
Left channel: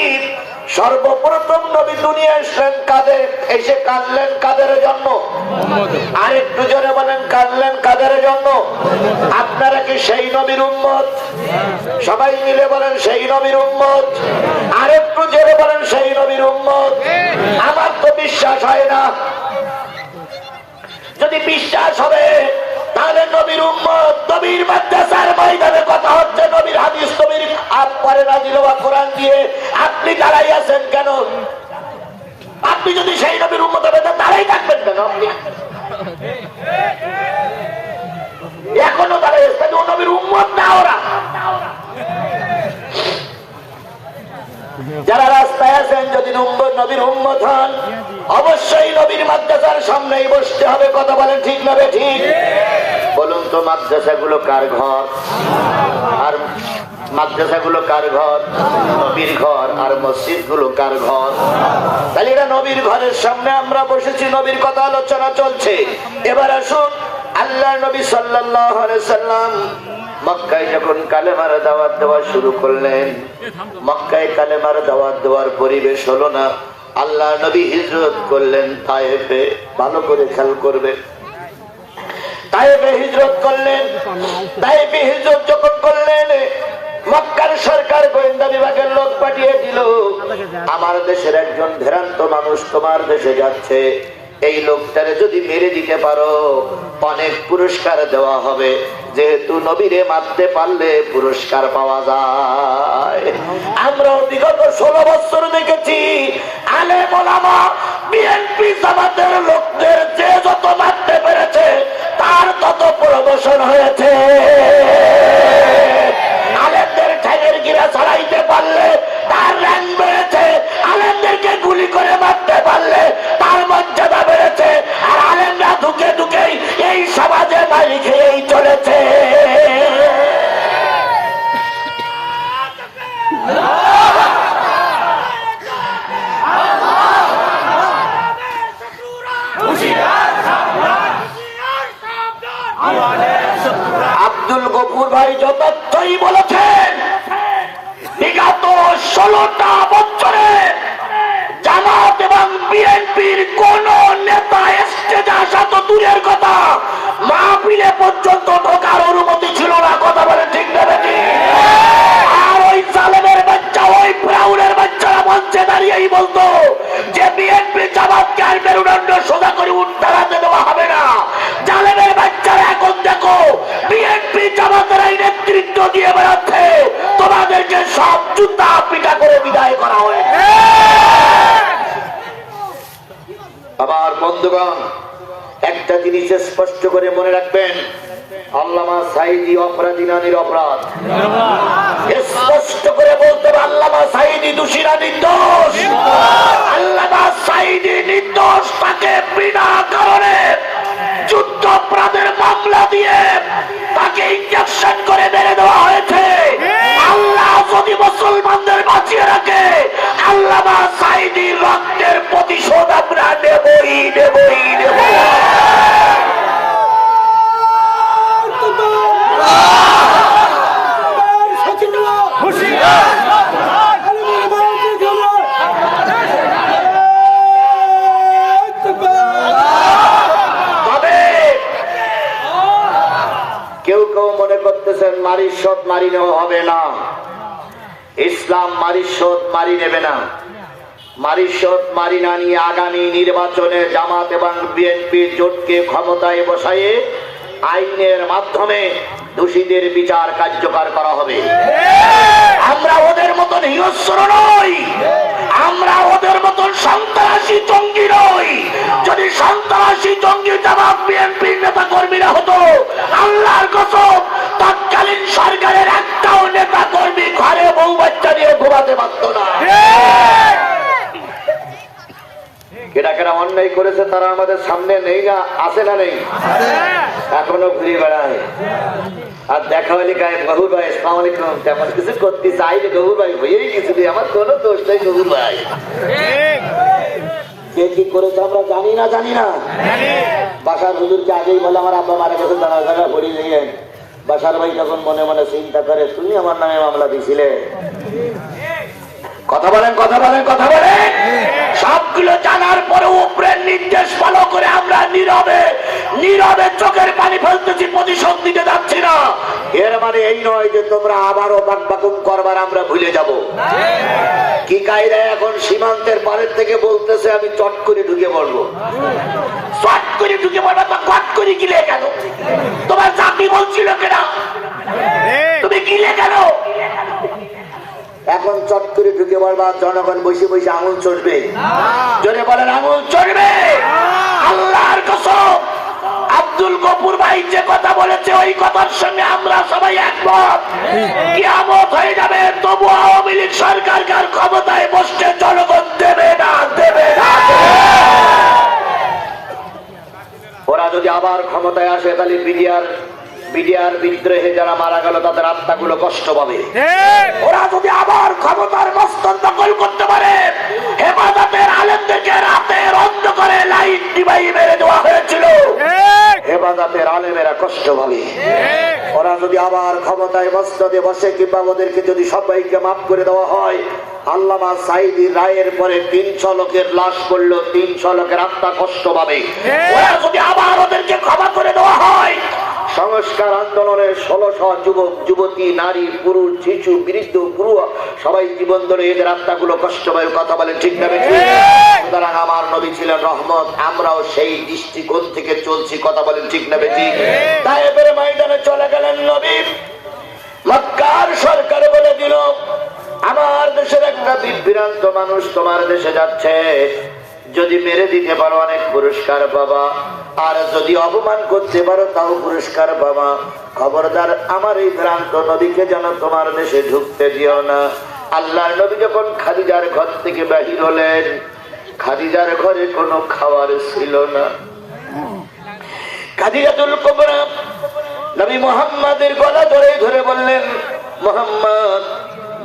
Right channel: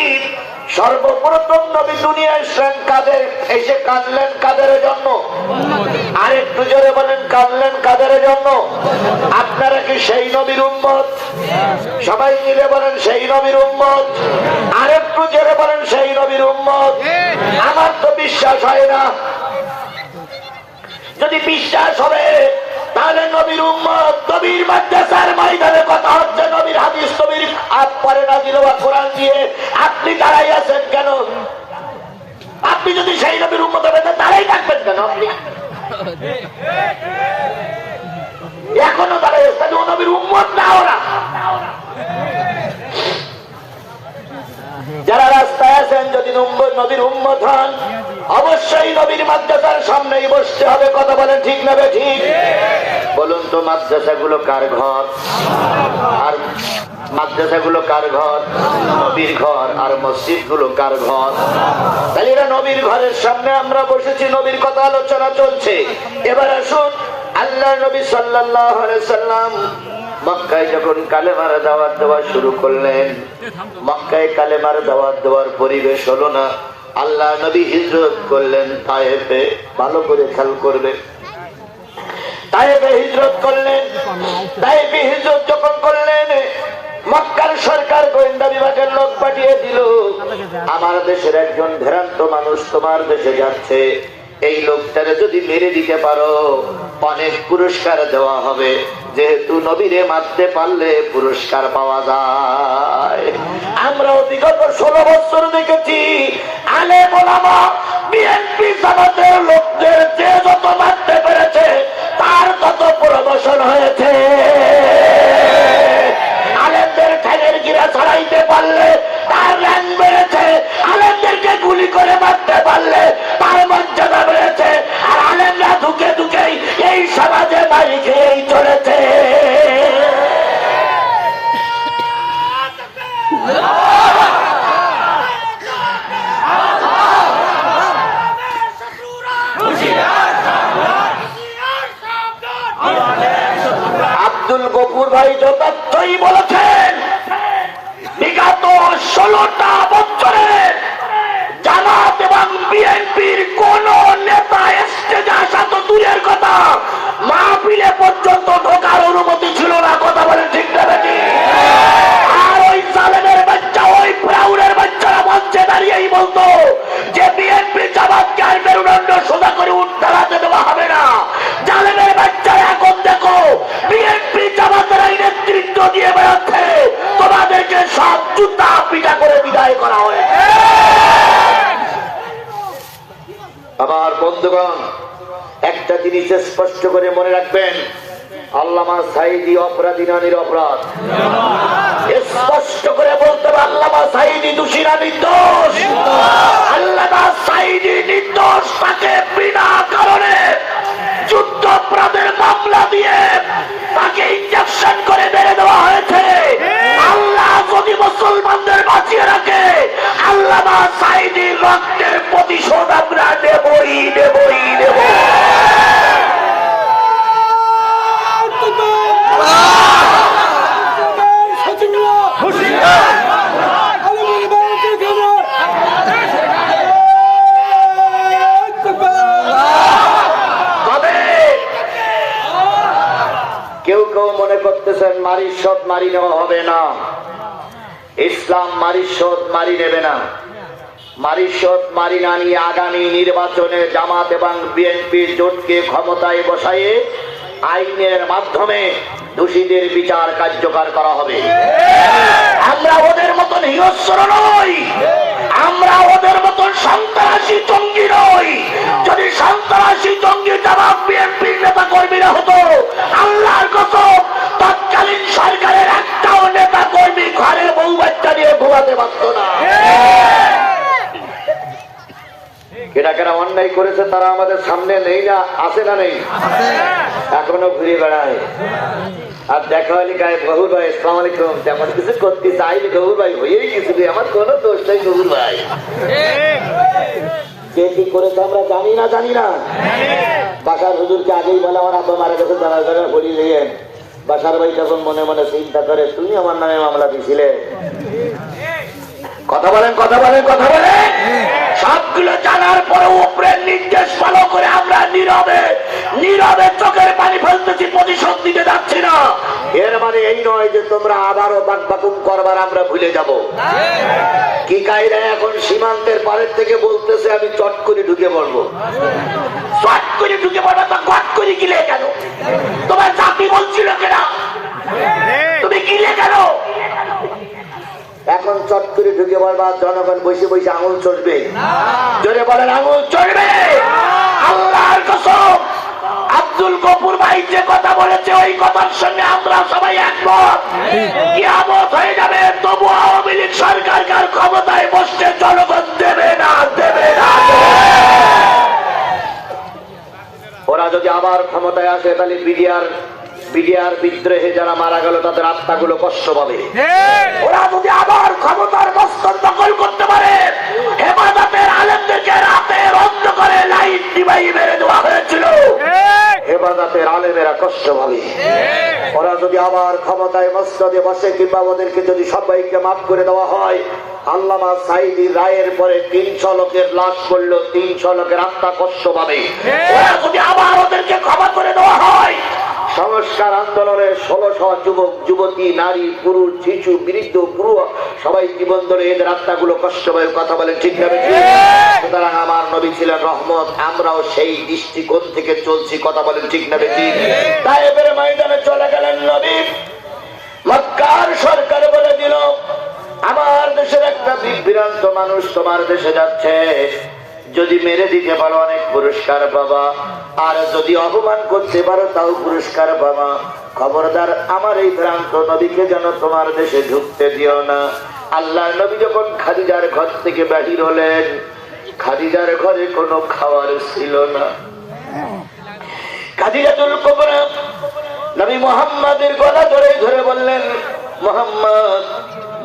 সর্বপ্রথম নবী দুনিয়া আসলেন কাদের? এসে কাঁদলেন কাদের জন্য? আর একটু জোরে বলেন কাঁদলেন কাদের জন্য? আপনারা কি সেই নবীর উম্মত? সবাই মিলে বলেন সেই নবীর উম্মত। আর একটু জোরে বলেন সেই নবীর উম্মত। আমার তো বিশ্বাস হয় না। যদি বিশ্বাস হবে তাহলে নবীর উম্মত, নবীর মাদ্রাসার ময়দানে কথা হচ্ছে, নবীর হাদিস নবীর পরে নাযিল হওয়া কোরআন দিয়ে আপনি দাঁড়াই আছেন কেন? আপনি যদি সেই নবীর উম্মত হবেন দাঁড়াই থাকবেন কেন? আপনি এখনো দাঁড়াই আছেন, ও নবীর উম্মত না ওরা। যারা রাস্তায় আছেন যদি নবীর উম্মত হন অবশ্যই নবীর মাদ্রাসার সামনেই বসতে হবে। কথা বলেন ঠিক না ঠিক? বলুন তো মাদ্রাসাগুলো কার ঘর? আর মাদ্রাসাগুলো কার ঘর? নবীর ঘর। আর মসজিদ গুলো কার ঘর? তাহলে এটা নবীর ঘরের সামনে আমরা বসেছি, নবীর কথা আলোচনা চলছে। এবার আসুন আল্লাহ নবী সাল্লাল্লাহু আলাইহি সাল্লাম মক্কায় যখন কালেমার দাওয়াত দেওয়া শুরু করলেন, মক্কায় কালেমার দাওয়াত দেওয়ার পরিবেশ হলো না। আল্লাহ নবী হিজরত করলেন তায়েফে। ভালো করে খেয়াল করবে, তায়েফে হিজরত করলেন। তায়েফে হিজরত যখন করলেন মক্কার সরকার গোয়েন্দা বিভাগের লোক পাঠিয়ে দিল, আমার দেশের একজন ভ্রান্ত মানুষ তোমার দেশে যাচ্ছে, এই লোকটারে যদি মেরে দিতে পারো অনেক পুরস্কার দেওয়া হবে। যেহেতু নবীরে মারতে পারলে পুরস্কার পাওয়া যায়। আমরা বিগত 16 বছর দেখেছি আলেম ওলামা বিএনপি জামাতের লোকদের যে যত মারতে পেরেছে তার তত প্রমোশন হয়েছে। তথ্যই বলেছেন বিগত 16টা বছরে জামাত এবং বিএনপির কোন নেতা স্টেজে আসা তো দূরের কথা, মাহফিলে পর্যন্ত ঢোকার অনুমতি ছিল না। কথা বলে ঠিক না বেশি? আর ওই জালেমের বাচ্চা, ওই ফ্রাউনের বাচ্চারা মঞ্চে দাঁড়িয়েই বলতো যে বিএনপি জামাতকে আর মেরুদণ্ড সোজা করে দাঁড়াতে দেওয়া হবে না। জালেমের বাচ্চারা এখন দেখো বিএনপি জামাতের এই নেতৃত্ব দিয়ে বেড়াচ্ছে, তোমাদেরকে সব জুতা পিটা করে বিদায় করা হয়েছে। আমার বন্ধুগণ, একটা জিনিস স্পষ্ট করে মনে রাখবেন, আল্লামা সাঈদী অপরাধী না নিরপরাধ? স্পষ্ট করে বলতে হবে, আল্লামা সাঈদী দোষী না নির্দোষ? আল্লামা সাঈদী নির্দোষ, তাকে বিনা কারণে যুদ্ধ অপরাধের মামলা দিয়ে তাকে ইনজেকশন করে মেরে দেওয়া হয়েছে। আল্লাহ যদি মুসলমানদের বাঁচিয়ে রাখে, আল্লামা সাঈদীর রক্তের প্রতিশোধ আমরা নেবই নেবই নেব। কেউ কেউ মনে করতেছেন নারীর শোধ মারি নেওয়া হবে না, ইসলাম নারীর শোধ মারি নেবে না। নারীর শোধ মারি না নিয়ে আগামী নির্বাচনে জামাত এবং বিএনপি জোটকে ক্ষমতায় বসাইয়ে আইনের মাধ্যমে দোষীদের বিচার কার্যকর করা হবে। আমরা ওদের মতন হিংস্র নই, আমরা ওদের মতন সন্ত্রাসী জঙ্গি নই। যদি সন্ত্রাসী জঙ্গি জামাত বিএনপির নেতা কর্মীরা হতো, আল্লাহর কসম তৎকালীন সরকারের একটাও নেতা কর্মী ঘরে বউ বাচ্চা নিয়ে ঘুমাতে পারত না। কেনা কেনা অন্যায় করেছে তারা আমাদের সামনে নেই না? আছে না নেই? এখনো ঘুরে বেড়ায়। আর দেখা হলে গায়ে গহুর ভাই আসসালামু আলাইকুম, তেমন কিছু করতে চাইলে গহুর ভাই হয়েই কিছু, আমার কোনো দোষ নেই গহুর ভাই। কে কি করেছে আমরা জানি না, জানি না। বাসার হুজুরকে আগেই বলে আমার আব্বা মারা গেছে, দাঁড়া দাঁড়া করি দিয়ে বাসার ভাই যখন মনে মনে চিন্তা করে তুমি আমার নামে মামলা দিছিলে। কথা বলেন, কথা বলেন, কথা বলেন। সবগুলো জানার পরে উপরের নির্দেশ ফলো করে আমরা নীরবে নীরবে চোখের পানি ফেলতেছি, প্রতিশোধ দিতে যাচ্ছি না। এর মানে এই নয় যে তোমরা আবারও বাকবাকুম করবার আমরা ভুলে যাব। কি কায়দা এখন সীমান্তের পারের থেকে বলতেছে আমি চট করে ঢুকে বলবো, চট করে ঢুকে বলবো তো কট করে গিলে কেন? তোমার চাকরি বলছিল কেন? তুমি গিলে কেন? এখন চট করে ঢুকে বলবা, জনগণ বসে বসে আঙুল চড়বে। জোরে বলেন আঙুল চড়বে। আল্লাহর কসম, আব্দুল গফুর ভাই যে কথা বলেছে ওই কথার সঙ্গে আমরা সবাই একমত। কিয়ামত হয়ে যাবে, তবু আওয়ামী লীগ সরকারকে আর ক্ষমতায় বসতে জনগণ দেবে না, দেবে না। ওরা যদি আবার ক্ষমতায় আসে তাহলে বিডিআর বিদ্রোহে যারা মারা গেল তাদের আত্মাগুলো কষ্ট পাবে। ওরা যদি আবার ক্ষমতার মস্তক দখল করতে পারে, হেফাজতের আলেমদেরকে রাতের অন্ধকারে লাইট নিভাই মেরে দেওয়া হয়েছিল, হেফাজতের আলেমেরা কষ্ট পাবে। ওরা যদি আবার ক্ষমতায় মস্তদে বসে কিংবা ওদেরকে যদি সবাইকে মাফ করে দেওয়া হয়, আল্লামা সাঈদীর রায়ের পরে 300 লোকের লাশ পড়ল, 300 লোকের আত্মা কষ্ট পাবে। ওরা যদি আবার ওদেরকে ক্ষমা করে দেওয়া হয়, সংস্কার আন্দোলনের 1600 যুবক যুবতী, নারী, পুরুষ, শিশু, বৃদ্ধ, বুড়ো সবাই জীবন ধরে এদের আত্মাগুলো কষ্ট পায়। কথা বলেন ঠিক না? সুতরাং আমার নবী ছিলেন রহমত, আমরাও সেই দৃষ্টিকোণ থেকে চলছি। কথা বলেন ঠিক না? বেশি তায়েফের ময়দানে চলে গেলেন নবী। মক্কার সরকার বলে দিল, আমার দেশের একটা বিভ্রান্ত মানুষ তোমার দেশে যাচ্ছে, যদি মেরে দিতে পারো অনেক পুরস্কার পাবা, আর যদি অপমান করতে পারো তাও পুরস্কার পাবা। খবরদার আমার এই ভ্রান্ত নবীকে যেন তোমার দেশে ঢুকতে দিও না। আল্লাহর নবী যখন খাদিজার ঘর থেকে বাহির হলেন, খাদিজার ঘরে কোনো খাবার ছিল না। খাদিজাতুল কুবরা নবী মুহাম্মাদের গলা ধরে ধরে বললেন, মুহাম্মদ,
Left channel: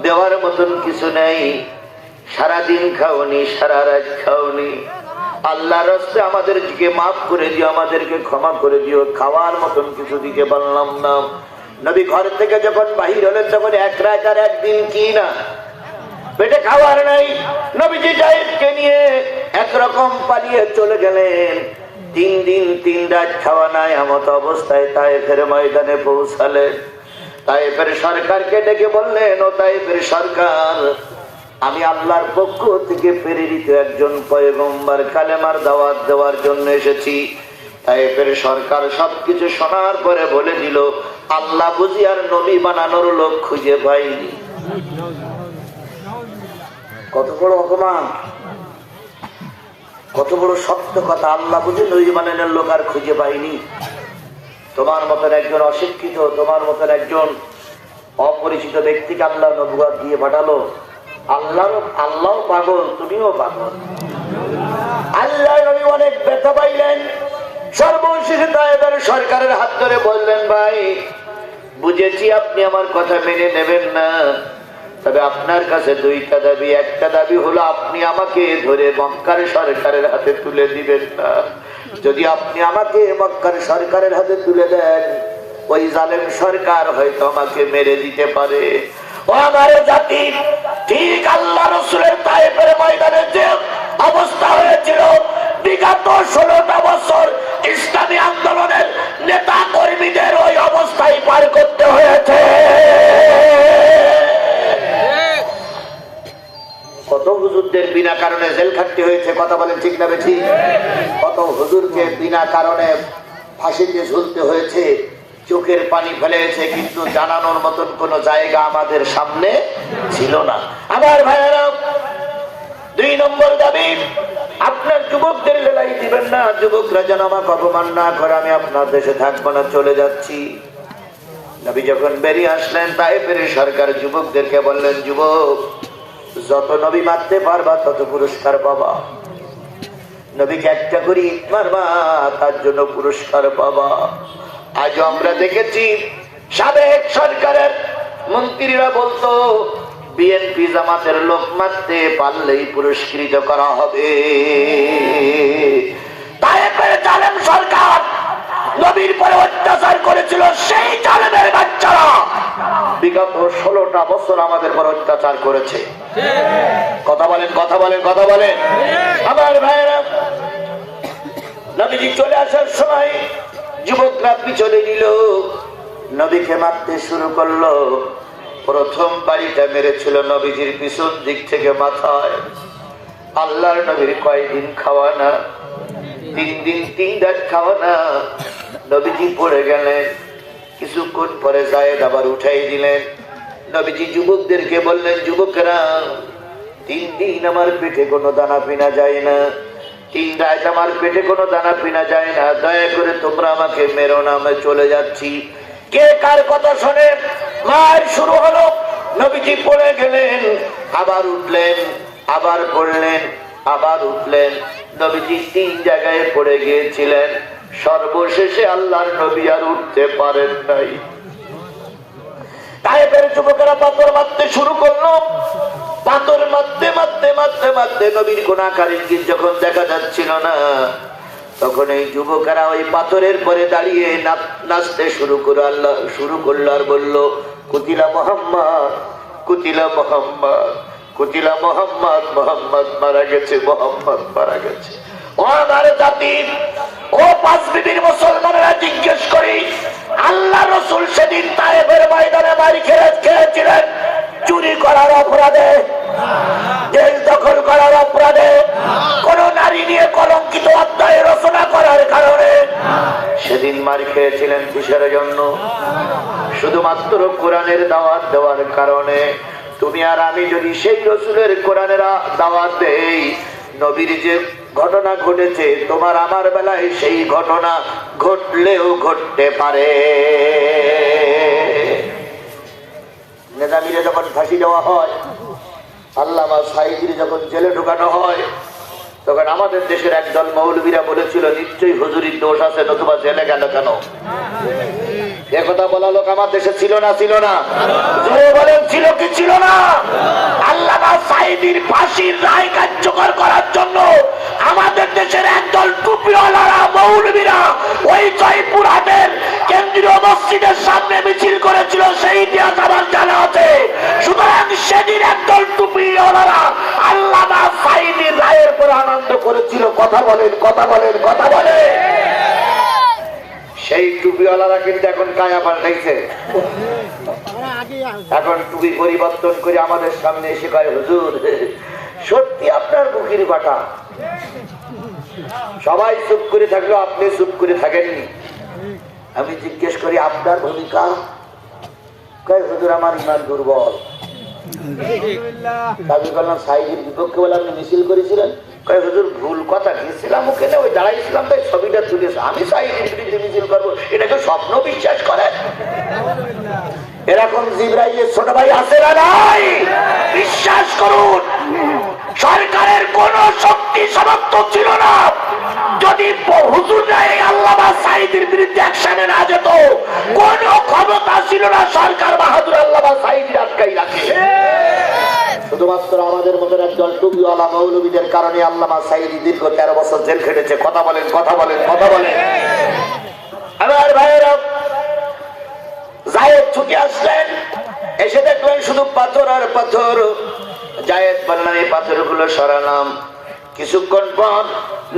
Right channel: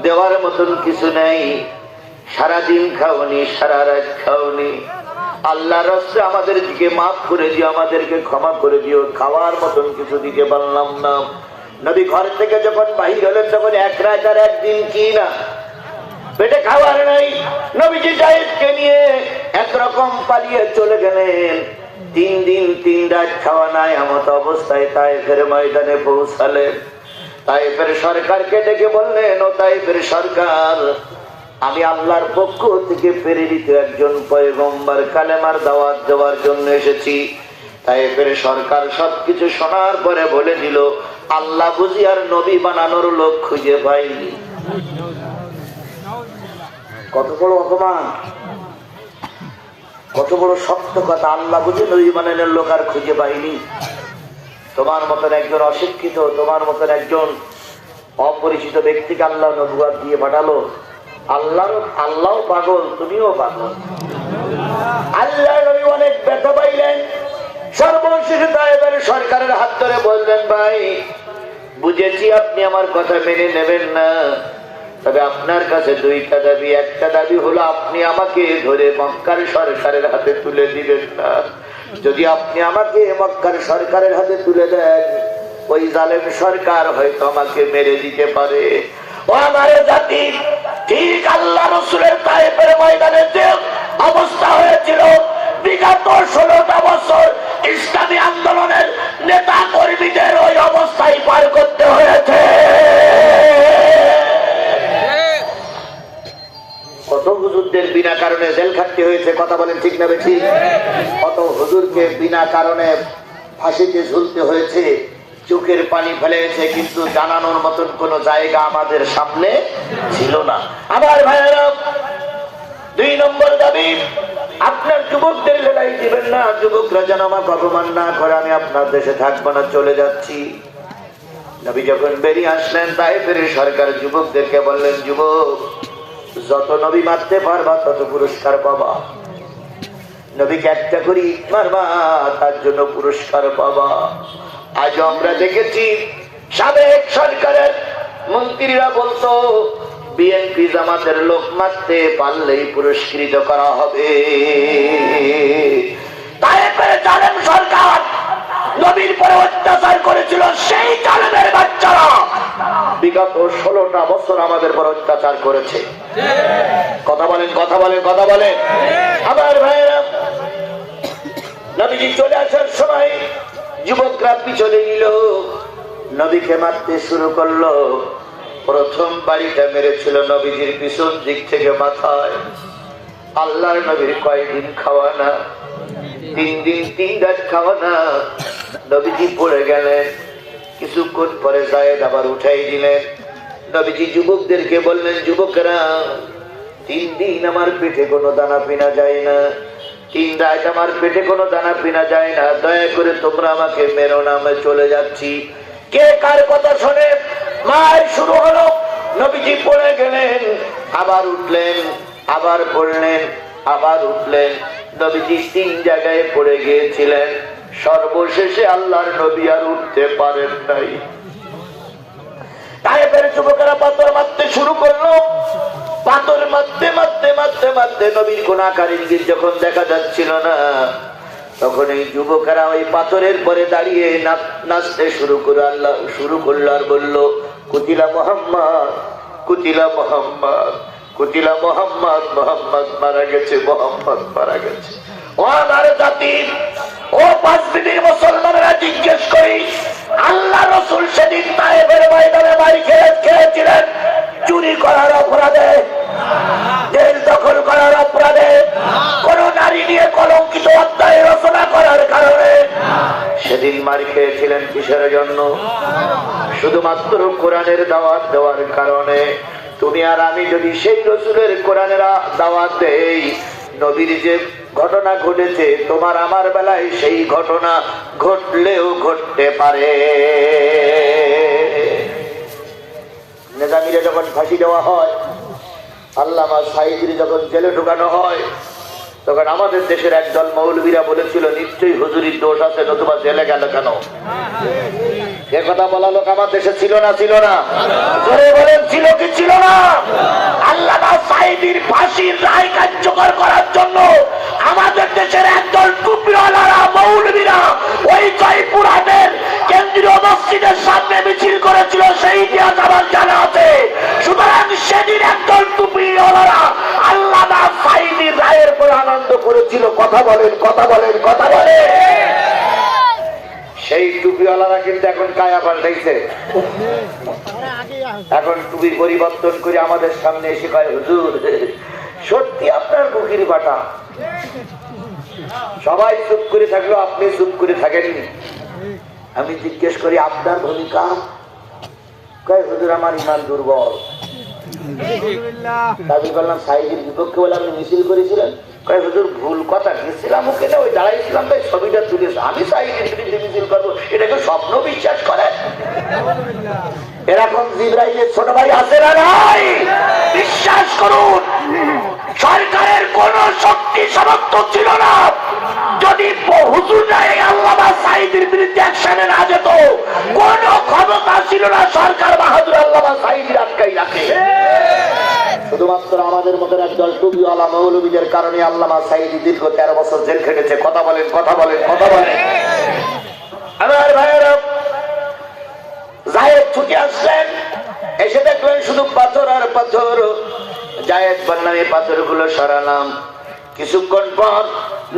দেওয়ার মতন কিছু নেই, সারাদিন খাওনি, সারা রাত খাওনি, আল্লাহর রাস্তে আমাদের দিকে মাফ করে দিও, আমাদেরকে ক্ষমা করে দিও, খাওয়ার মতন কিছু দিতে পারলাম না। নবী ঘর থেকে যখন বাহির হলেন তখন এক রাত আর একদিন কি না পেটে খাবার নাই। নবীজি তায়েফকে নিয়ে একরকম পালিয়ে চলে গেলেন। 3 দিন 3 রাত খাওয়া নাই এমত অবস্থায় তায়েফের ময়দানে পৌঁছালেন। তায়েফের সরকারকে ডেকে বললেন, ও তায়েফের সরকার, আমি আল্লাহর পক্ষ থেকে প্রেরিত একজন পয়গম্বর, কালেমার দাওয়াত দেওয়ার জন্য এসেছি। তায়েফের সরকার সবকিছু শোনার পরে বলে দিল, আল্লাহ বুঝি আর নবী বানানোর লোক খুঁজে পাইনি। কত বড় অপমান, কত বড় সত্য কথা! আল্লাহ বুঝি নবী বানানোর লোক আর খুঁজে পাইনি। তোমার মতন একজন অশিক্ষিত, তোমার মতন একজন অপরিচিত ব্যক্তিকে আল্লাহ নবুয়ত দিয়ে পাঠালো। আল্লাহ পাগল, তুমিও পাগল। আল্লাহ নবী অনেক ব্যথা পাইলেন। সর্বশেষে তায়েফের সরকারের হাত ধরে বললেন, ভাই বুঝেছি আপনি আমার কথা মেনে নেবেন না, তবে আপনার কাছে 2টা দাবি। একটা দাবি হলো আপনি আমাকে ধরে মক্কার সরকারের হাতে তুলে দিবেন না। যদি আপনি আমাকে মক্কার সরকারের হাতে তুলে দেন, ওই জালেম সরকার হয়তো আমাকে মেরে দিতে পারে। ও আমার জাতি, ঠিক আল্লাহ রাসূলের তায়েফের ময়দানে যে অবস্থা হয়েছিল, বিগত 16টা বছর ইসলামী আন্দোলনের নেতা কর্মীদের ওই অবস্থায় পার করতে হয়েছে। কত হুজুরদের বিনা কারণে জেল খাটতে হয়েছে, কথা বলেন ঠিক না বেঠিক? কত হুজুরকে বিনা কারণে ফাঁসিতে ঝুলতে হয়েছে, চোখের পানি ফেলেছে, কিন্তু জানানোর মতন কোন জায়গা আমাদের সামনে ছিল না। আমার ভাইয়েরা, 2 নম্বর দাবি, আপনার যুবকদের লড়াই দিবেন না। যুবকরা যেন আমাকে অপমান না করে, আমি আপনার দেশে থাকবো না, চলে যাচ্ছি। নবী যখন বেরিয়ে আসলেন, তায়েফের সরকার যুবকদেরকে বললেন, যুবক, যত নবী মারতে পারবা তত পুরস্কার পাবা। নবীকে একটা করি মারবা, তার জন্য পুরস্কার পাবা। আজ আমরা দেখেছি সাবেক সরকারের মন্ত্রীরা বলতো, বিএনপি জামাতের লোক মারতে পারলেই পুরস্কৃত করা হবে। তায়েফের জালেম সরকার নবীর পরে অত্যাচার করেছিল, সেই জালেমের বাচ্চারা বিগত 16টা বছর আমাদের পর অত্যাচার করেছে। কথা বলেন, কথা বলেন, কথা বলেন। আমার ভাইয়েরা, নবীজি চলে আসার সময় যুবকরা পিছনে নিল, নবীকে মারতে শুরু করলো। প্রথম বাড়িটা মেরেছিল নবীজির পিছন দিক থেকে মাথায়। আল্লাহর নবীর কয়দিন খাওয়া না, 3 দিন 3 রাত খাওয়া না। নবীজি পড়ে গেলেন, কিছুক্ষণ পরে জায়েদ আবার উঠাই দিলেন। নবীজি যুবকদেরকে বললেন, যুবকেরা, 3 দিন আমার পেটে কোনো দানা পিনা যায় না, 3 রাত আমার পেটে কোনো দানা পিনা যায় না, দয়া করে তোমরা আমাকে মেরো না, আমি চলে যাচ্ছি। কে কার কথা শোনে? মার শুরু হলো। নবীজি পড়ে গেলেন, আবার উঠলেন, আবার পড়লেন, আবার উঠলেন। নবীজি 3 জায়গায় পড়ে গিয়েছিলেন। সর্বশেষে আল্লাহর নবী আর উঠতে পারেন নাই। তায়েফের যুবকেরা পাথর মারতে শুরু করলো। পাথর মারতে মারতে মারতে মারতে নবীর কোন আকার ইঙ্গিত যখন দেখা যাচ্ছিল না, তখন এই যুবকেরা ওই পাথরের পরে দাঁড়িয়ে নাচতে শুরু করলো আর বলল, কুতিলা মুহাম্মদ, কুতিলা মুহাম্মদ, কুতিলা মুহাম্মদ, মুহাম্মদ মারা গেছে, মুহাম্মদ মারা গেছে। ও আমার জাতির, ও 5 বিবির মুসলমানেরা, জিজ্ঞেস করি, আল্লাহ রাসূল সেদিন তায়েফের ময়দানে মার খেয়েছিলেন চুরি করার অপরাধে, জেল দখল করার অপরাধে, কোন নারী নিয়ে কলঙ্কিত অধ্যায় রচনা করার কারণে? সেদিন মার খেয়েছিলেন কিসের জন্য? শুধুমাত্র কোরআনের দাওয়াত দেওয়ার কারণে। তুমি আর আমি যদি সেই রাসূলের কোরআনের দাওয়াত দেই, নবীর যে ঘটনা ঘটেছে তোমার আমার বেলায় সেই ঘটনা ঘটলেও ঘটতে পারে। নেজামিরে যখন ফাঁসি দেওয়া হয়, আল্লামা সাঈদীর যখন জেলে ঢুকানো হয়, তখন আমাদের দেশের একদল মৌলবীরা বলেছিল, নিশ্চয়ই হুজুরির দোষ আছে, নতুবা জেলে গেল কেন? এ কথা বলা লোক আমার দেশে ছিল না? ছিল না? বলেন, ছিল কি ছিল না? আল্লামা সাঈদীর ফাঁসির রায় কার্যকর করার জন্য আমাদের দেশের একদল টুপিওয়ালারা মৌলবীরা ওই জয়পুরহাটের কেন্দ্রীয় মসজিদের সামনে মিছিল করে ইতিহাস আমার জানা আছে। সুতরাং সেদিন একদল টুপিওয়ালারা আল্লামা সাঈদীর রায়ের পরে আনন্দ করেছিল। কথা বলেন, কথা বলেন, কথা বলেন। সেই টুপিওয়ালারা কিন্তু এখন কায়া পাল্টাইছে। এখন টুপি পরিবর্তন করে আমাদের সামনে এসে কয়, হুজুর সত্যি আপনার মুখের বাটা। সবাই চুপ করে থাকলো, আপনি চুপ করে থাকেননি। আমি জিজ্ঞেস করি আপনার ভূমিকা? কয় হুজুর আমার ইমান দুর্বল। দাবি করলাম সাইজের বিপক্ষে বলে আপনি মিছিল করেছিলেন। কয় হুজুর ভুল কথা, গেছিলাম ওখানে ওই দাঁড়াইছিলাম তাই ছবিটা তুলেছে। আমি সাইজের বিরুদ্ধে মিছিল করবো, এটাকে স্বপ্ন বিশ্বাস করে? এরকম জিবরাইলের ছোট ভাই আছে না নাই? বিশ্বাস করুন, সরকারের কোন শক্তি সামর্থ্য ছিল না। যদি হুজুর আল্লামা সাঈদীর বিরুদ্ধে অ্যাকশনে না যেত, কোন ক্ষমতা ছিল না সরকার বাহাদুর আল্লামা সাঈদীর আটকাই রাখে। শুধুমাত্র আমাদের মতন একদল টুপিওয়ালা মৌলবীদের কারণে আল্লামা সাঈদী দীর্ঘ 13 বছর জেল খেটেছে। কথা বলেন, কথা বলেন, কথা বলেন। আমার ভাইয়েরা জায়েদ ছুটে আসলেন, এসে দেখলেন শুধু পাথর আর পাথর। জায়েদ বললাম এই পাথরগুলো সরালাম। কিছুক্ষণ পর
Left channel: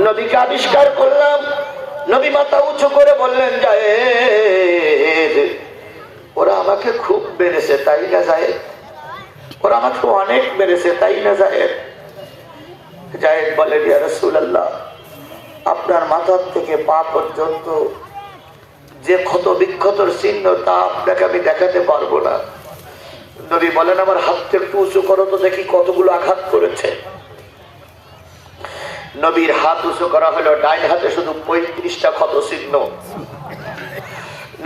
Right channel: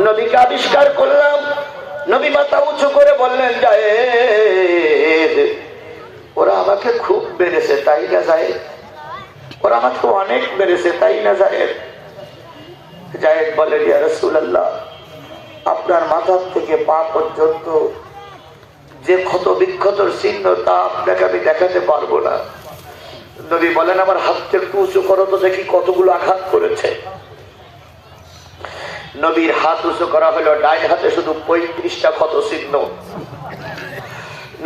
নবীকে আবিষ্কার করলাম। নবী মাথা উঁচু করে বললেন, জায়েদ ওরা আমাকে খুব মেরেছে তাই না জায়েদ? ওরা আমাকে অনেক মেরেছে তাই না জায়েদ? জায়েদ বলেন, ইয়া রাসূলুল্লাহ আপনার মাথার থেকে পা পর্যন্ত যে ক্ষত বিক্ষতর চিহ্ন তা আপনাকে আমি দেখাতে পারবো না। নবী বলেন, আমার হাতটা একটু উঁচু করো তো দেখি কতগুলো আঘাত করেছে। নবীর হাত উঁচু করা হলো, ডাইন হাতে শুধু 35টা ক্ষত চিহ্ন।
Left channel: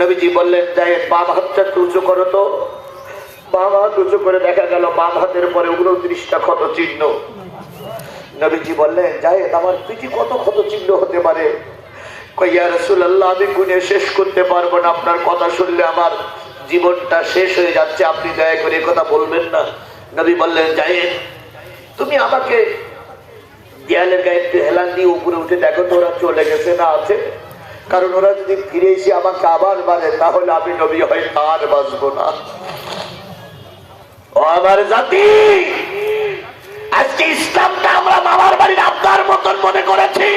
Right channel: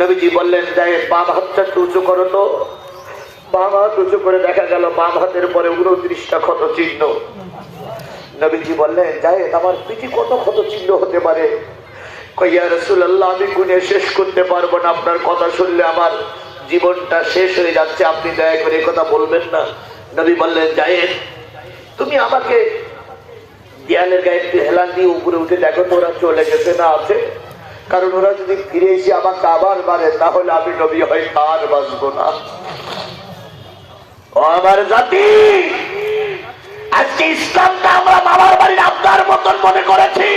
নবীজি বললেন, জায়েদ বাম হাতটা একটু উঁচু করো তো। বাম হাত উঁচু করে দেখা গেল বাম হাতের পরে 29টা ক্ষত চিহ্ন। নবীজি বললেন, জায়েদ আমার পিঠে কত ক্ষত চিহ্ন হতে পারে? ইয়া রাসূলুল্লাহ আমি গুণে শেষ করতে পারবো না, আপনার কথা শুনলে আমার জীবনটা শেষ হয়ে যাচ্ছে, আপনি দয়া করে কথা বলবেন না। নবী বললেন, জায়েদ তুমি আমাকে দেয়ালের গায়ে একটু হেলান দিয়ে উপরে উঠে দেখো তো ওরা চলে গেছে না আছে? কারণ ওরা যদি ফিরে এসে আমাকে আবার মারে তাহলে আমি নবী হয়ে আর বাঁচবো না। ও আমার জাতি, আজকে ইসলামটা আমরা বাবার বাড়ির আবদার মতন মনে করেছি।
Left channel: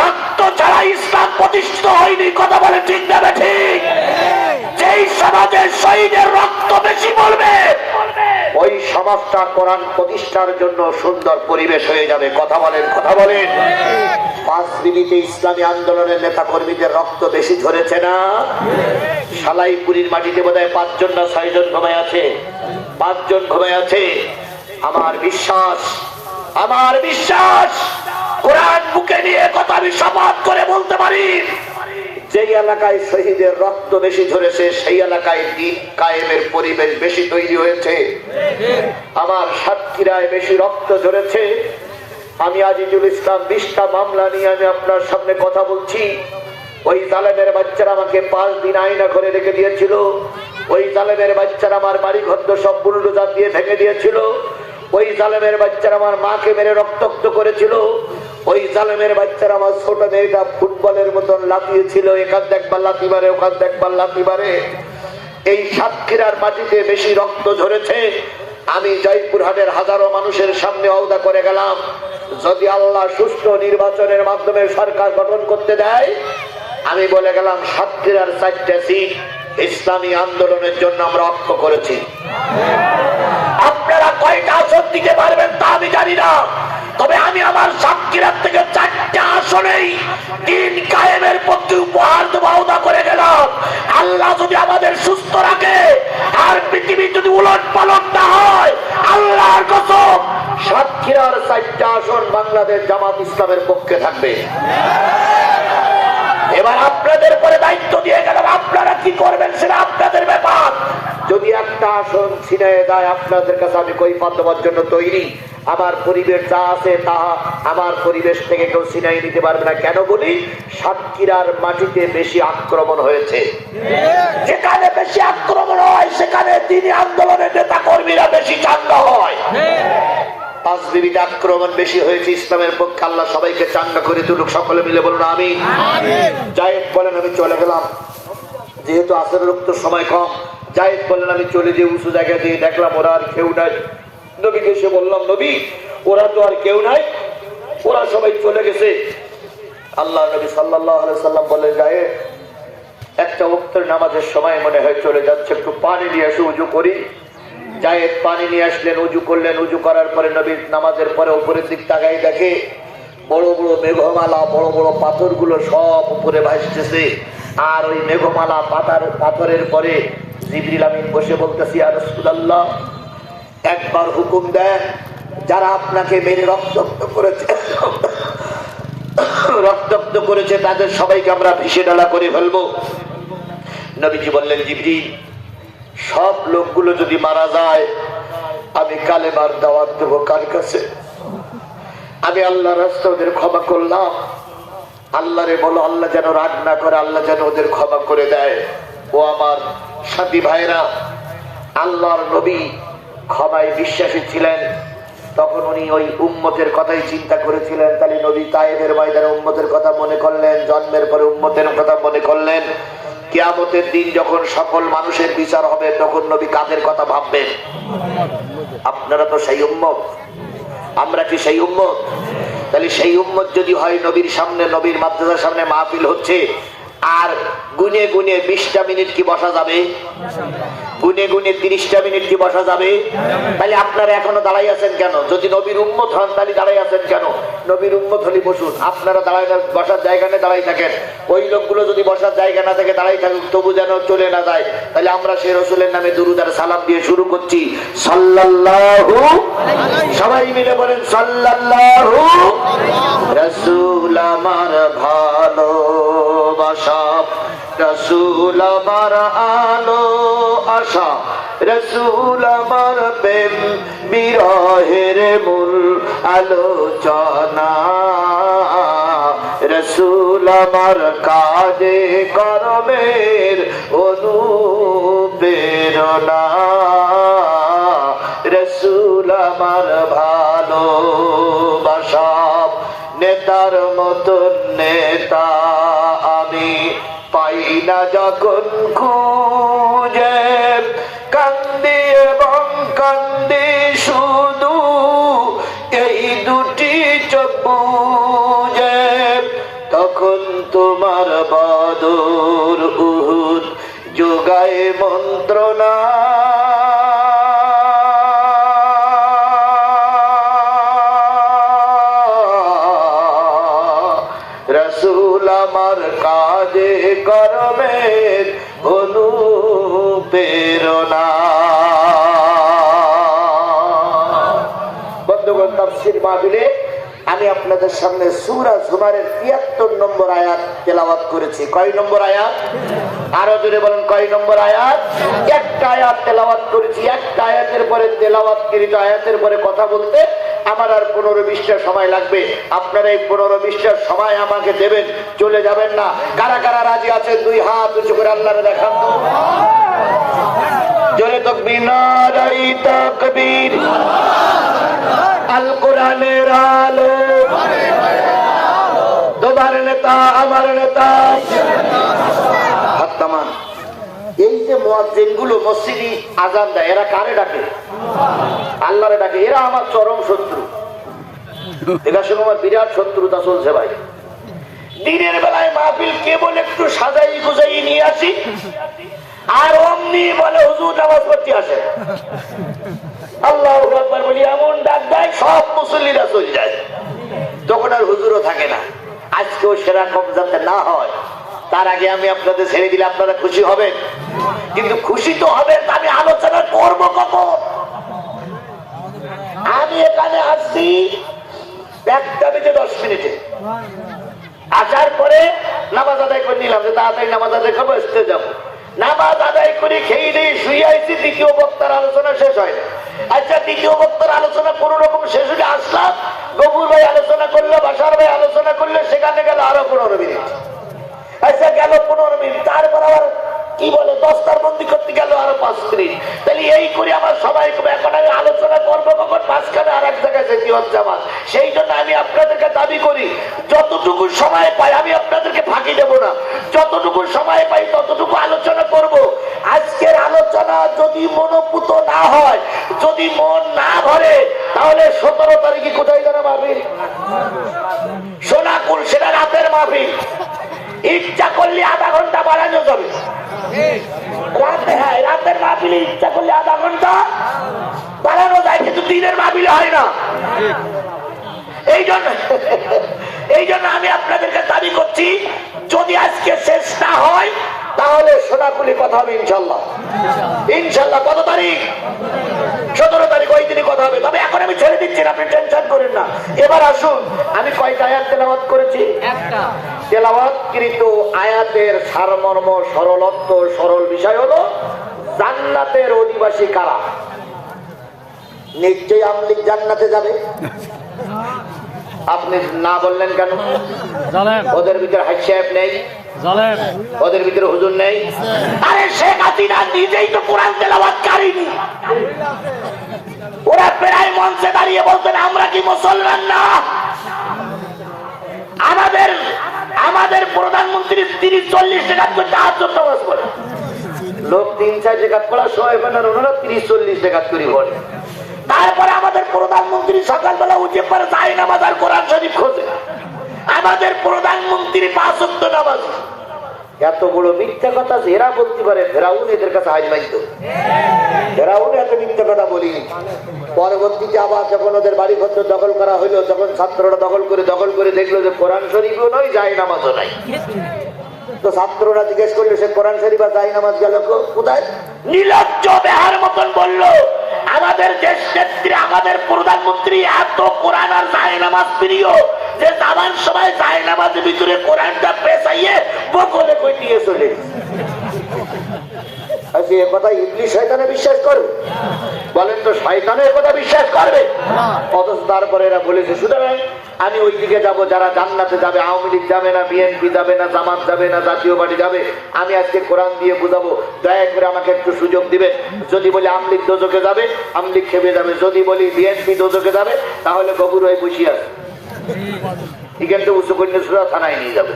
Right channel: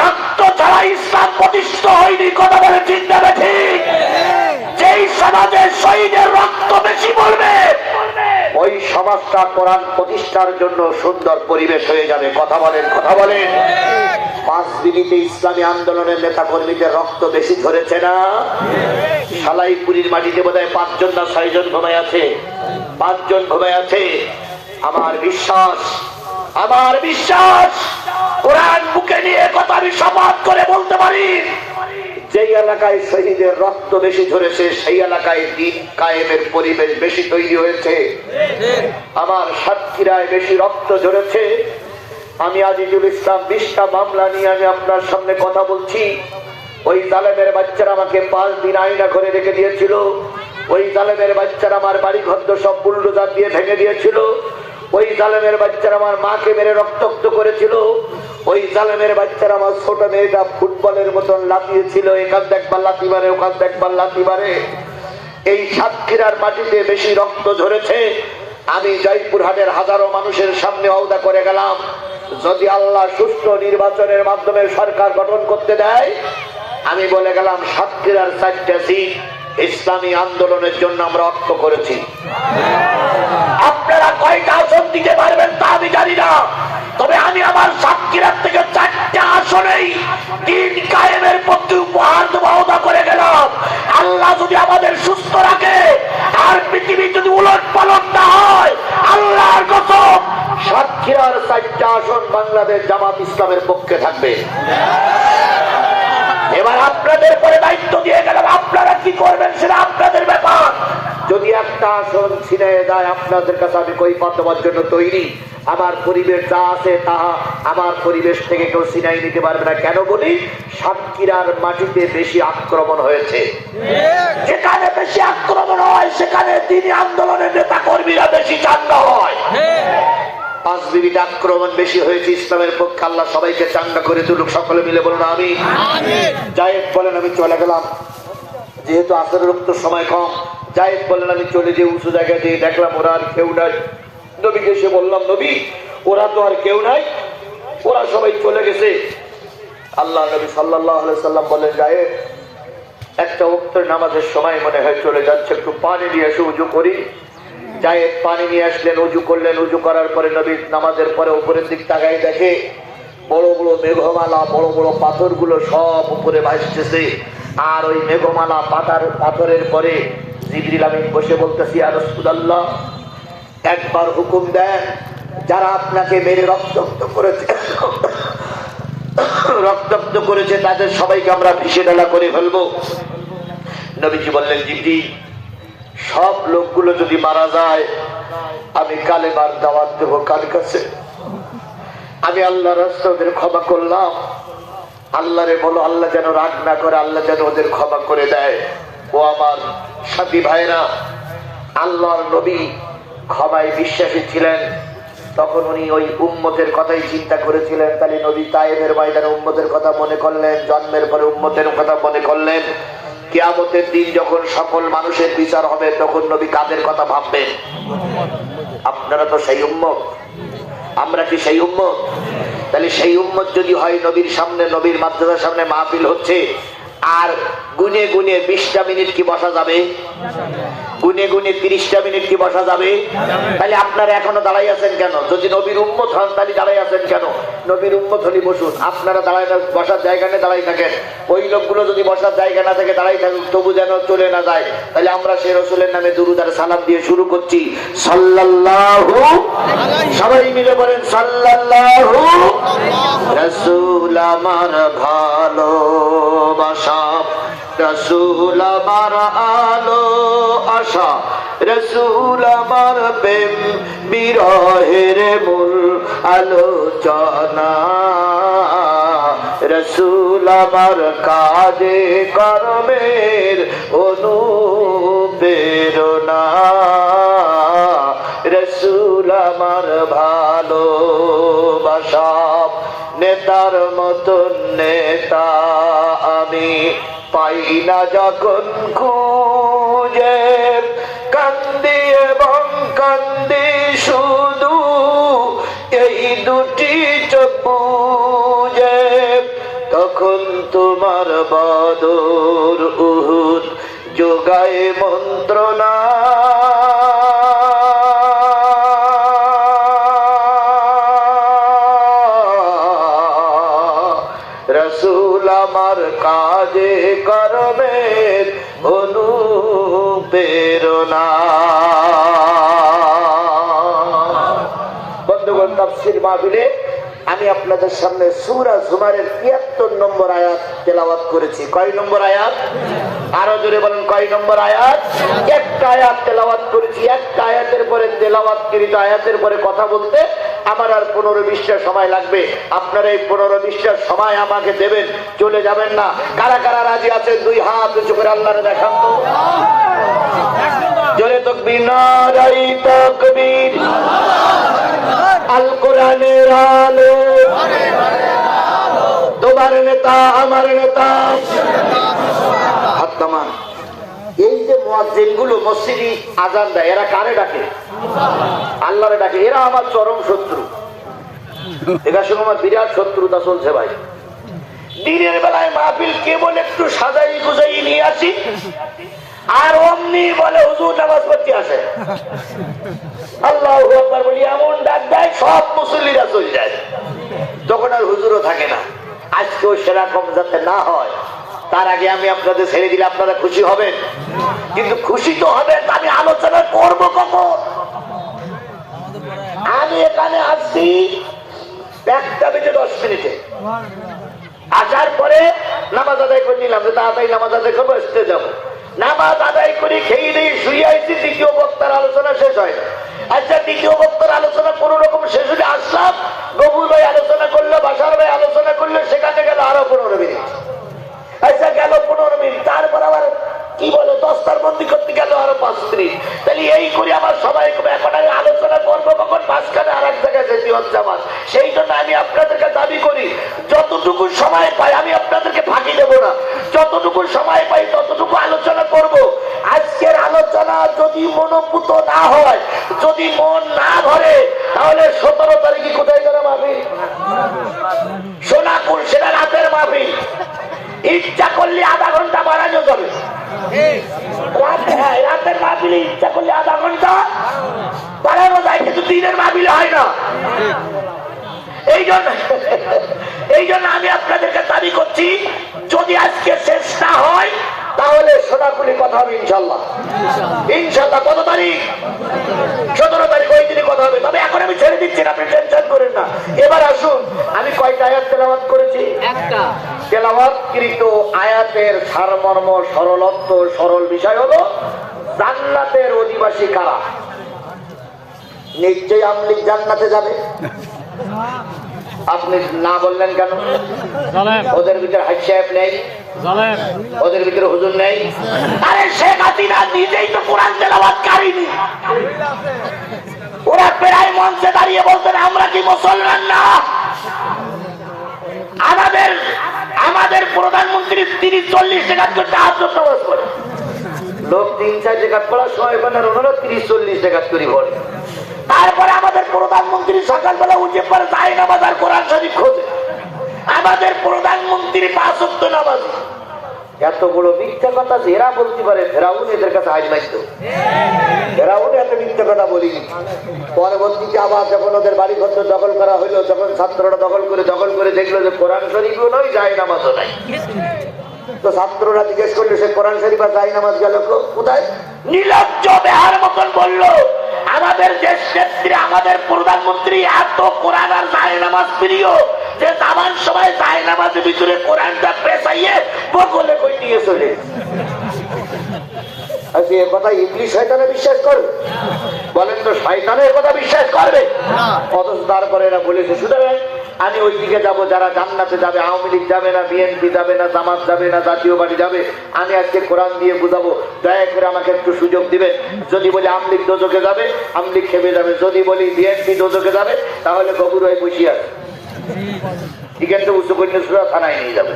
রক্ত ছাড়া ইসলাম প্রতিষ্ঠিত হয়নি। কথা বলে ঠিক না ঠিক? যেই সমাজের শহীদের রক্ত বেশি বলবে ওই সমাজটা কোরআন প্রতিষ্ঠার জন্য সুন্দর পরিবেশ হয়ে যাবে। কথা বলেন, কথা বলেন। 5 বিবিতে ইসলামী আন্দোলনের নেতা কর্মীদের রক্ত বেশি ঝরেছে না? সালাইপুরীর মাটিতে বোধহয় 5 জন না 6 জন ঘুমায় আছে। 5 জন ঘুমায় আছে। আমার বিশ্বাস, আমার বিশ্বাস কোরআন বুকে নিয়ে কথা আমি শপথ করে বলতে পারি, যেই এলাকায় শহীদের রক্ত বেশি ঝরেছে সেই এলাকায় দ্বীন কায়েমের পরিবেশ বেশি তৈরি হয়েছে। আমার সাতক্ষীরায় বেশি রক্ত ঝরেছে। আমি আজিজুল ইসলাম 20টা মামলা নিয়ে আমি আপনার সামনে কথা বলছি। ওই জালেমের বাচ্চারা আমাকে 5 দিন আয়না করে রেখে দিয়েছিল। ওই জালেমের বাচ্চারা আমার বাড়ি ঘর সব বুলডোজার দিয়ে ভেঙে দিয়েছিল। ওই জালেমের বাচ্চারা আমার মাকে মেরে রক্তাক্ত করেছিল। ওই জালেমের বাচ্চারা আমার ছোট মেয়েটা ফুটবলের মতন লাফিয়েছিল, এখান দেখবার লাথি মারে, ওখান দেখবার লাথি মারে। এই সাতক্ষীরার মাটিতে বেশি রক্ত ঝরেছে। আমি জয়পুরহাটের হাজারো মানুষের সামনে ওয়াদা করে গেলাম, যদি আল্লাহ সুষ্ঠু নির্বাচনের মাধ্যমে সরকার গঠন করতে দেয়, আমি বলে গেলাম সাতক্ষীরার 4টা সিট ইসলামী আন্দোলনের জন্য আমরা অক্ষ করেছি। আপনারা কয়টা আসন দিতে পারবেন তা আমি জানি না, তবে আমি আমার সাতক্ষীরার থেকে 4টা আসনেই দ্বীন কায়েমের পক্ষে উপহার দেওয়া ওয়াদা করে গেলাম। আল্লাহ যদি আমাদের সুস্থ রাখে আর পৃথিবী যদি উলট পালট না হয়, আল্লাহর কসম সাতক্ষীরার 4টা আসন বাংলাদেশ জামাত ইসলামের পক্ষে থাকবে। এবার আপনাদের পরে দায়িত্ব দিয়ে গেলাম, আপনারা কি করবেন সেটা আপনাদের ব্যাপার। যদি একটা আসন ছিনিয়ে যায় আপনাদের কাছে আমি কৈফিয়ত দেওয়ার জন্য তৈরি। আমার পরিবেশ যা আছে তাহা আমার পরিবেশ থেকে কেউ ছিনিয়ে নিতে পারবে না। কেন বলি? সাতক্ষীরার মাটিতে বেশি আক্রমণ হয়েছে। যেখানে বেশি আক্রমণ হয় সেখানে দ্বীনি আন্দোলনের নেতা কর্মীরা বেশি চাঙ্গা হয়। 5 বিবিতে আক্রমণ বেশি হয়েছে ইসলামের পক্ষে। আল্লাহ সবাইকে চাঙ্গা করে তুলুক। সকলে মিলে বলুন আমিন। জায়েদ বলেন, আমি চলে গেলাম। যেহেতু আসরের রক্ত সময় কম, জায়েদ বললেন আমি চলে যে উঁচু জায়গা দিয়ে দেখলাম ওরা আর কেউ নাই। নবীকে এসে বললাম নবী ওরা তো আর কেউ নাই, ওরা সবাই চলে গেছে। আল্লাহ নবী সাল্লাল্লাহু আলাইহি সাল্লাম বললেন জায়েদ একটা ওয়াক্তের নামাজের সময় মনে হয় চলে যাচ্ছে, একটু পানি নিয়ে এসে উজু করি। জায়েদ পানি নিয়ে আসলেন, উজু করলেন। উজু করার পরে নবী নামাজের পরে উপরের দিক তাকায় দেখে বড় বড় মেঘমালা, বড় বড় পাথরগুলো সব উপরে ভাসতেছে। আর ওই মেঘমালা পাথরের পরে জিবরিল আমিন বসে বলতেছি ইয়া রাসূলুল্লাহ একবার হুকুম দেন, যারা আপনাকে মেরে রক্তাক্ত করেছে তাদের সবাইকে আমরা ভিসে ডালা করে ফেলবো। নবীজি বললেন জিবরিল সব লোকগুলো যদি মারা যায় আমি কালেমার দাওয়াত দেবো কার কাছে? আমি আল্লাহর রাস্তায় ওদের ক্ষমা করলাম। আল্লাহরে বলো আল্লাহ যেন রাগ না করে, আল্লাহ যেন ওদের ক্ষমা করে দেয়। ও আমার সাথী ভাইরা, আল্লাহর নবী ক্ষমায় বিশ্বাসী ছিলেন। তখন উনি ওই উম্মতের কথাই চিন্তা করেছিলেন। তাহলে নবী তায়েফের ময়দানে উম্মতের কথা মনে করলেন, জন্মের পরে উম্মতের কথা মনে করলেন। কিয়ামতের দিন যখন সকল মানুষের বিচার হবে তখন নবী কাদের কথা ভাববেন? আপনারা তো সেই উম্মত, আমরা কি সেই উম্মত? তাহলে সেই উম্মত যদি হয়, নবীর সামনে, নবীর মাদ্রাসার সামনে মাহফিল হচ্ছে, আর গুনে গুনে 20টা মিনিট কি বসা যাবে? গুনে গুনে 30টা মিনিট কি বসা যাবে? তাহলে আপনারা এখনো দাঁড়াই আছেন কেন? যদি নবীর উম্মত হন তাহলে দাঁড়াই আছেন কেন? নবীর উম্মত হলে বসুন, আপনারা দাঁড়ায় বসার জায়গা নিয়ে দাঁড়াই থাকেন। ওই লোকগুলো যদি বসার জায়গা না থেকে দাঁড়াই থাকুক তবু যেন চলে না যায়। তাহলে আমরা সেই রাসূলের নামে দুরূদ আর সালাম দিয়ে শুরু করছি সাল্লাল্লাহু, সবাই মিলে বলেন সাল্লাল্লাহু। রাসূল আমার ভালোবাসা, রাসূল আমার আলো আশা, রাসূল আমার প্রেম বিরহের মূল আলোচনা, রাসূল আমার কাজে কর্মের অনুপ্রেরণা, রাসূল আমার ভালোবাসা। নেতার মতন নেতা আমি পাই না যখন খুঁজে, কান্দি এবং কান্দি শুধু এই দুটি চোখ বুজে, তখন তোমার বদর উহুদ যোগায় মন্ত্রণা, রাসূল আমার কাজে কর্মের অনুপ্রেরণা। বন্ধুগণ, তাফসীর মাহফিলে আমি আপনাদের সামনে সূরা জুমারের ৭৩ নম্বর আয়াত তেলাওয়াত করেছি। কয় নম্বর আয়াত? আরো জোরে বলেন কয় নম্বর আয়াত? একটা আয়াত তেলাওয়াত করেছি। একটা আয়াতের পরে তেলাওয়াতকৃত আয়াতের পরে কথা বলতে আমার আর 15-20টা সময় লাগবে। আপনারা এই 15-20টা সময় আমাকে দেবেন, চলে যাবেন না। কারা কারা রাজি আছেন দুই হাত উঁচু করে আল্লাহরে দেখান। জোরে তাকবীর, নারায়ে তাকবীর। আল কোরআনের আলো, তোমার নেতা আমার নেতা। হাত নামান। এই যে মুয়াজ্জিন গুলো মসজিদে আযান দেয়, এরা কারে ডাকে? আল্লাহরে ডাকে। এরা আমার চরম শত্রু, এরা শুনে আমার বিরাট শত্রুতা চলছে ভাই। দিনের বেলায় মাহফিল কেবল একটু সাজাই গুজাই নিয়ে আসি, আর অমনি বলে হুজুর নামাজ পড়তে আসে। আল্লাহু আকবার বলি এমন ডাক দেয় সব মুসল্লিরা চলে যায়, তখন আর হুজুরও থাকে না। আজকেও সেরকম যাতে না হয় তার আগে আমি আপনাদের ছেড়ে দিলে আপনারা খুশি হবেন। কিন্তু খুশি তো হবেন, আমি আলোচনা করবো কখন? আমি এখানে আসছি 1:10 মিনিটে, আসার পরে নামাজ আদায় করে নিলাম, তাড়াতাড়ি নামাজ আদায় করবো, আসতে যাবো। নামাজ আদায় করে খেয়ে দিয়ে শুয়ে আইছি, দ্বিতীয় বক্তার আলোচনা শেষ হয় না। আচ্ছা, দ্বিতীয় বক্তার আলোচনা কোন রকম শেষ হলে আসলাম, গফুর ভাই আলোচনা করলো, বাসার ভাই আলোচনা করলো, সেখানে গেল আরো 15 মিনিট। আচ্ছা, গেল 15 মিনিট, তারপর আবার কি বলে দস্তার বন্দি করতে গেল আরো 5 মিনিট। তাহলে এই করে আমার সবাই এখন আমি আলোচনা করবো কখন? মাঝখানে আর এক জায়গায় যেতে হচ্ছে আমার। সেই জন্য আমি আপনাদেরকে দাবি করি, যতটুকু সময় পাই আমি আপনাদেরকে ফাঁকি দেবো না। যতটুকু সময় পাই ততটুকু আলোচনা করব। আজকের আলোচনা যদি মনোপুত না হয়, যদি মন না ভরে, তাহলে 17 তারিখে কোথায় যাবে মাহফিল? সোনাপুর, সেটা রাতের মাহফিল। ইচ্ছা করলে আধা ঘন্টা বাড়ানো যাবে রাতে। হ্যাঁ, রাতের মাহফিলে ইচ্ছা করলে আধা ঘন্টা বাড়ানো যায়, কিন্তু দিনের মাহফিলে হয় না। এই জন্য আমি আপনাদেরকে দাবি করছি, যদি আজকে শেষ না হয় তাহলে সোনাপুলি কথা হবে ইনশাল্লাহ। ইনশাল্লাহ কত তারিখ? 17 তারিখ, ওই দিনই কথা হবে। তবে এখন আমি ছেড়ে দিচ্ছি না, আপনি টেনশন করেন না। এবার আসুন, আমি কয়টা আয়াত তেলাওয়াত করেছি? একটা। তেলাওয়াতকৃত আয়াতের সারমর্ম, সরলত্ব, সরল বিষয় হলো জান্নাতের অধিবাসী কারা? নিশ্চয়ই আমলিক জান্নাতে যাবে। আপনি না বললেন কেন? ওদের ভিতরে হাজি সাহেব নেই, ওদের ভিতরে হুজুর নেই। আরে শেখ হাসিনা নিজেই তো কোরআন তেলাওয়াতকারী। ওরা প্রায় মঞ্চে দাঁড়িয়ে বলতেন, আমরা কি মুসলমান না? আমাদের প্রধানমন্ত্রী 30-40 টাকা করে তাহাজ্জুদ নামাজ পড়ে। লোক 3-4 টাকা পড়া, 30-40 টাকা করে পড়ে। তারপরে আমাদের প্রধানমন্ত্রী সকালবেলা উঠে পরে যায় নামাজ আর কোরআন শরীফ খোঁজে। আমাদের প্রধানমন্ত্রী 5 ওয়াক্ত নামাজি। এত বড় মিথ্যা কথা যে এরা বলতে পারে, ফেরাউন এদের কাছে হাজির লাগতো। ফেরাউন এত মিথ্যা কথা বলিনি। পরবর্তীতে আবার যখন ওদের বাড়ি ঘর দখল করা হইলো, তখন ছাত্ররা দখল করে দেখলো যে কোরআন শরীফও নয়, যায় নামাজও নাই। তো ছাত্ররা জিজ্ঞেস করলো, সে কোরআন শরীফ আর যায় নামাজ গেল কোথায়? নির্লজ্জ বেহার মতন বললো, আমাদের দেশ নেত্রী, আমাদের প্রধানমন্ত্রী এত কোরআন আর যায় নামাজ প্রিয় যে যাবার সময় যায় নামাজের ভিতরে কোরআনটা পেছাইয়ে বগলে কই নিয়ে চলে। আজকে এ কথা ইবলিস শয়তানে বিশ্বাস করবে? বলেন তো, শয়তানের কথা বিশ্বাস করবে? অথচ তারপরে এরা বলেছে, সুতরাং আমি ওই দিকে যাবো, যারা জান্নাতে যাবে। আওয়ামী লীগ যাবে না, বিএনপি যাবে না, জামাত যাবে না, জাতীয় পার্টি যাবে। আমি আজকে কোরআন দিয়ে বুঝাবো, দয়া করে আমাকে একটু সুযোগ দিবেন। যদি বলি আওয়ামী লীগ দোজখে যাবে, আওয়ামী লীগ খেপে যাবে। যদি বলি বিএনপি দোজখে যাবে, তাহলে গবুর হয়ে বসিয়ে আছে, এখানে উচ্চ কন্যা থানায় নিয়ে যাবে।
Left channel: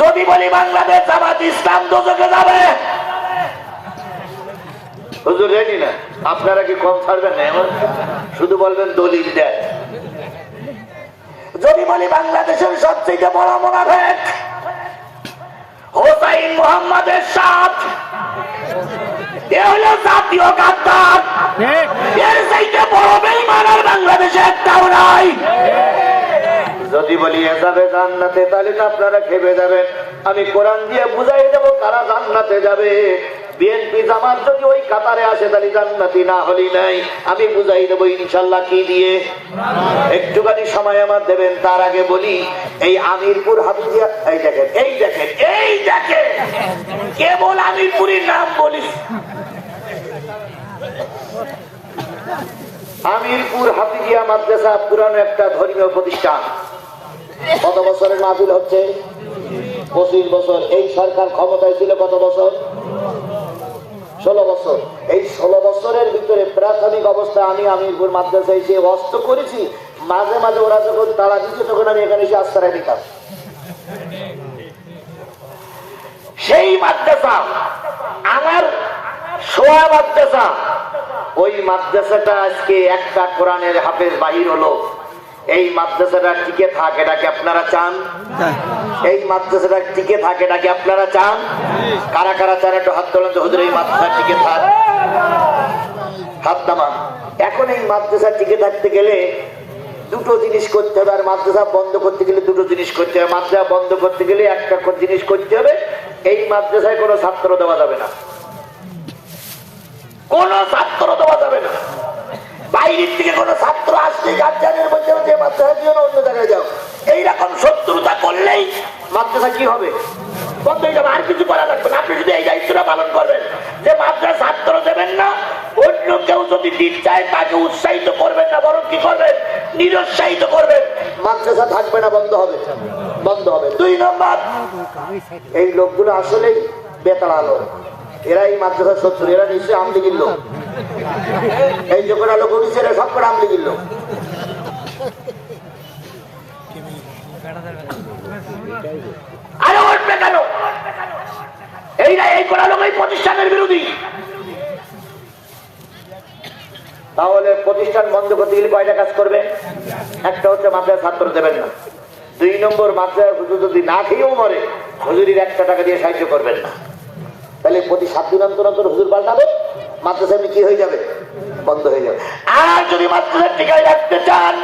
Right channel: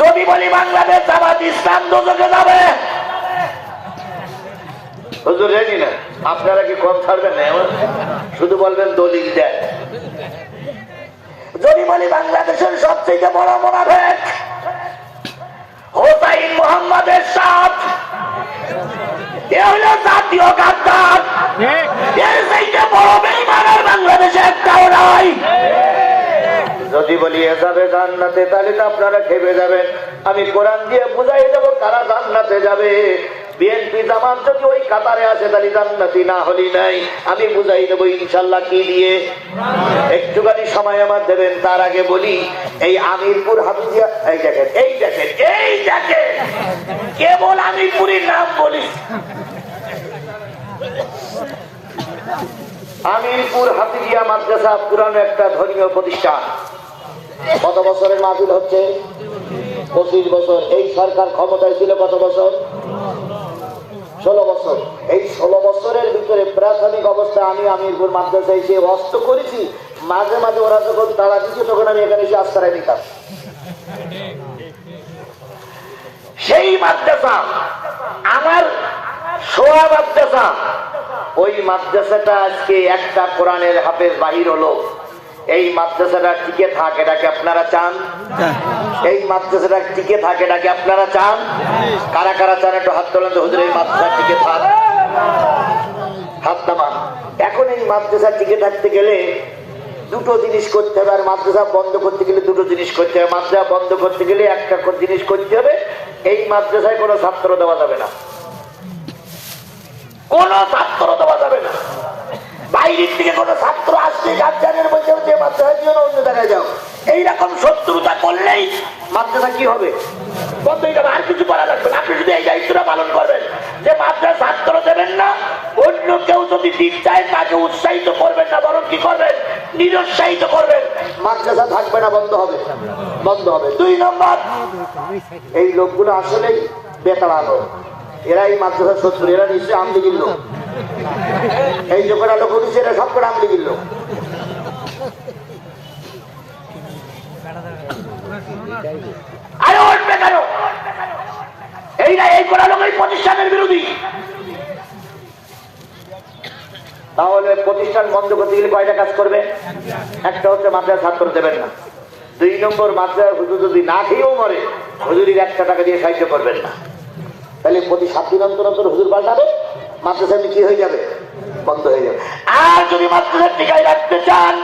যদি বলি বাংলাদেশ জামাত ইসলাম দোজখে যাবে, হুজুর জানি না, আপনারা কি কম ছাড়বেন না? শুধু বলবেন দলিল দেন। যদি বলি বাংলাদেশের সবচেয়ে বড় মুনাফিক হোসাইন মোহাম্মদের সাথ, এ হলো জাতীয় গাদ্দার, এর চাইতে বড় বেঈমান বাংলাদেশে একটাও নাই। যদি বলি এ যাবে জান্নাতে, তাহলে তো আপনারা খেপে যাবেন। আমি কোরআন দিয়ে বুঝাই দেবো কারা জান্নাতে যাবে। বিএনপি জামাত যদি ওই কাতারে আসে, তাহলে জান্নাতি না হলি নাই। আমি বুঝাই দেবো ইনশাল্লাহ কি দিয়ে। একটুখানি সময় আমার দেবেন। তার আগে বলি, এই আমিরপুর হাফিজিয়া, এই দেখেন কেবল আমিরপুরের নাম বলি। আমিরপুর হাফিজিয়া মাদ্রাসা পুরানো একটা ধর্মীয় প্রতিষ্ঠান। কত বছরের মাহফিল হচ্ছে? 25 বছর। এই সরকার ক্ষমতায় ছিল কত বছর? 16 বছর। এই 16 বছরের ভিতরে প্রাথমিক অবস্থা আমি আমিরপুর মাদ্রাসায় এসে অস্ত করেছি। মাঝে মাঝে ওরা যখন তারা কিছু, তখন আমি এখানে এসে আশ্রয় নিতাম। সেই মাদ্রাসা আমার সোয়া মাদ্রাসা, ওই মাদ্রাসাটা আজকে একটা কোরআনের হাফেজ বাহির হলো। এই মাদ্রাসাটা টিকে থাক, এটাকে আপনারা চান? এই মাদ্রাসাটা টিকে থাকে, এটাকে আপনারা চান? কারা কারা চান একটু হাত তোলেন তো। হুজুর এই মাদ্রাসা টিকে থাক, হাত নামান। এখন এই মাদ্রাসা টিকে থাকতে গেলে দুটো জিনিস করতে হবে, আর মাদ্রাসা বন্ধ করতে গেলে দুটো জিনিস করতে হবে। মাদ্রাসা বন্ধ করতে গেলে একটা জিনিস করতে হবে, এই মাদ্রাসায় কোনো ছাত্র দেওয়া যাবে না, কোন ছাত্র দেওয়া যাবে না। বাইরের থেকে কোন ছাত্র আসলে গার্জিয়ানের বলতে হবে যে মাদ্রাসা দিও না, অন্য জায়গায় যাও। এইরকম শত্রুতা করলেই মাদ্রাসা কি হবে? বন্ধ হয়ে যাবে। আর কিছু করা লাগবে না। আপনি যদি এই দায়িত্বটা পালন করবেন যে মাদ্রাসা ছাত্র দেবেন না, অন্য কেউ যদি দিন চায় তাকে উৎসাহিত করবেন না, বরং কি করবেন? নিরুৎসাহিত করবেন। মাদ্রাসা থাকবে না, বন্ধ হবে, বন্ধ হবে। 2 নম্বর, এই লোকগুলো আসলেই বেতাড়ালো। এরা এই মাদ্রাসার শত্রু, এরা নিশ্চয়ই আমলি গিল্ল। এই যে কটা লোক উঠেছে, এরা সব করে আমলি গিল্ল। আরে উঠবে কেন? এই এরা এই করা লোক এই প্রতিষ্ঠানের বিরোধী। তাহলে প্রতিষ্ঠান বন্ধ করতে গেলে কয়টা কাজ করবে? একটা হচ্ছে মাদ্রাসা ছাত্র দেবেন না, 2 নম্বর মাদ্রাসা হুজুর যদি না খেয়েও মরে হুজুরির 1 টাকা দিয়ে সাহায্য করবেন না। তাহলে প্রতি 7 দিন অন্তর অন্তর হুজুর পাল্টাবে, মাদ্রাসা কি হয়ে যাবে? বন্ধ হয়ে যাবে। আর যদি মাদ্রাসা টিকায় রাখতে চান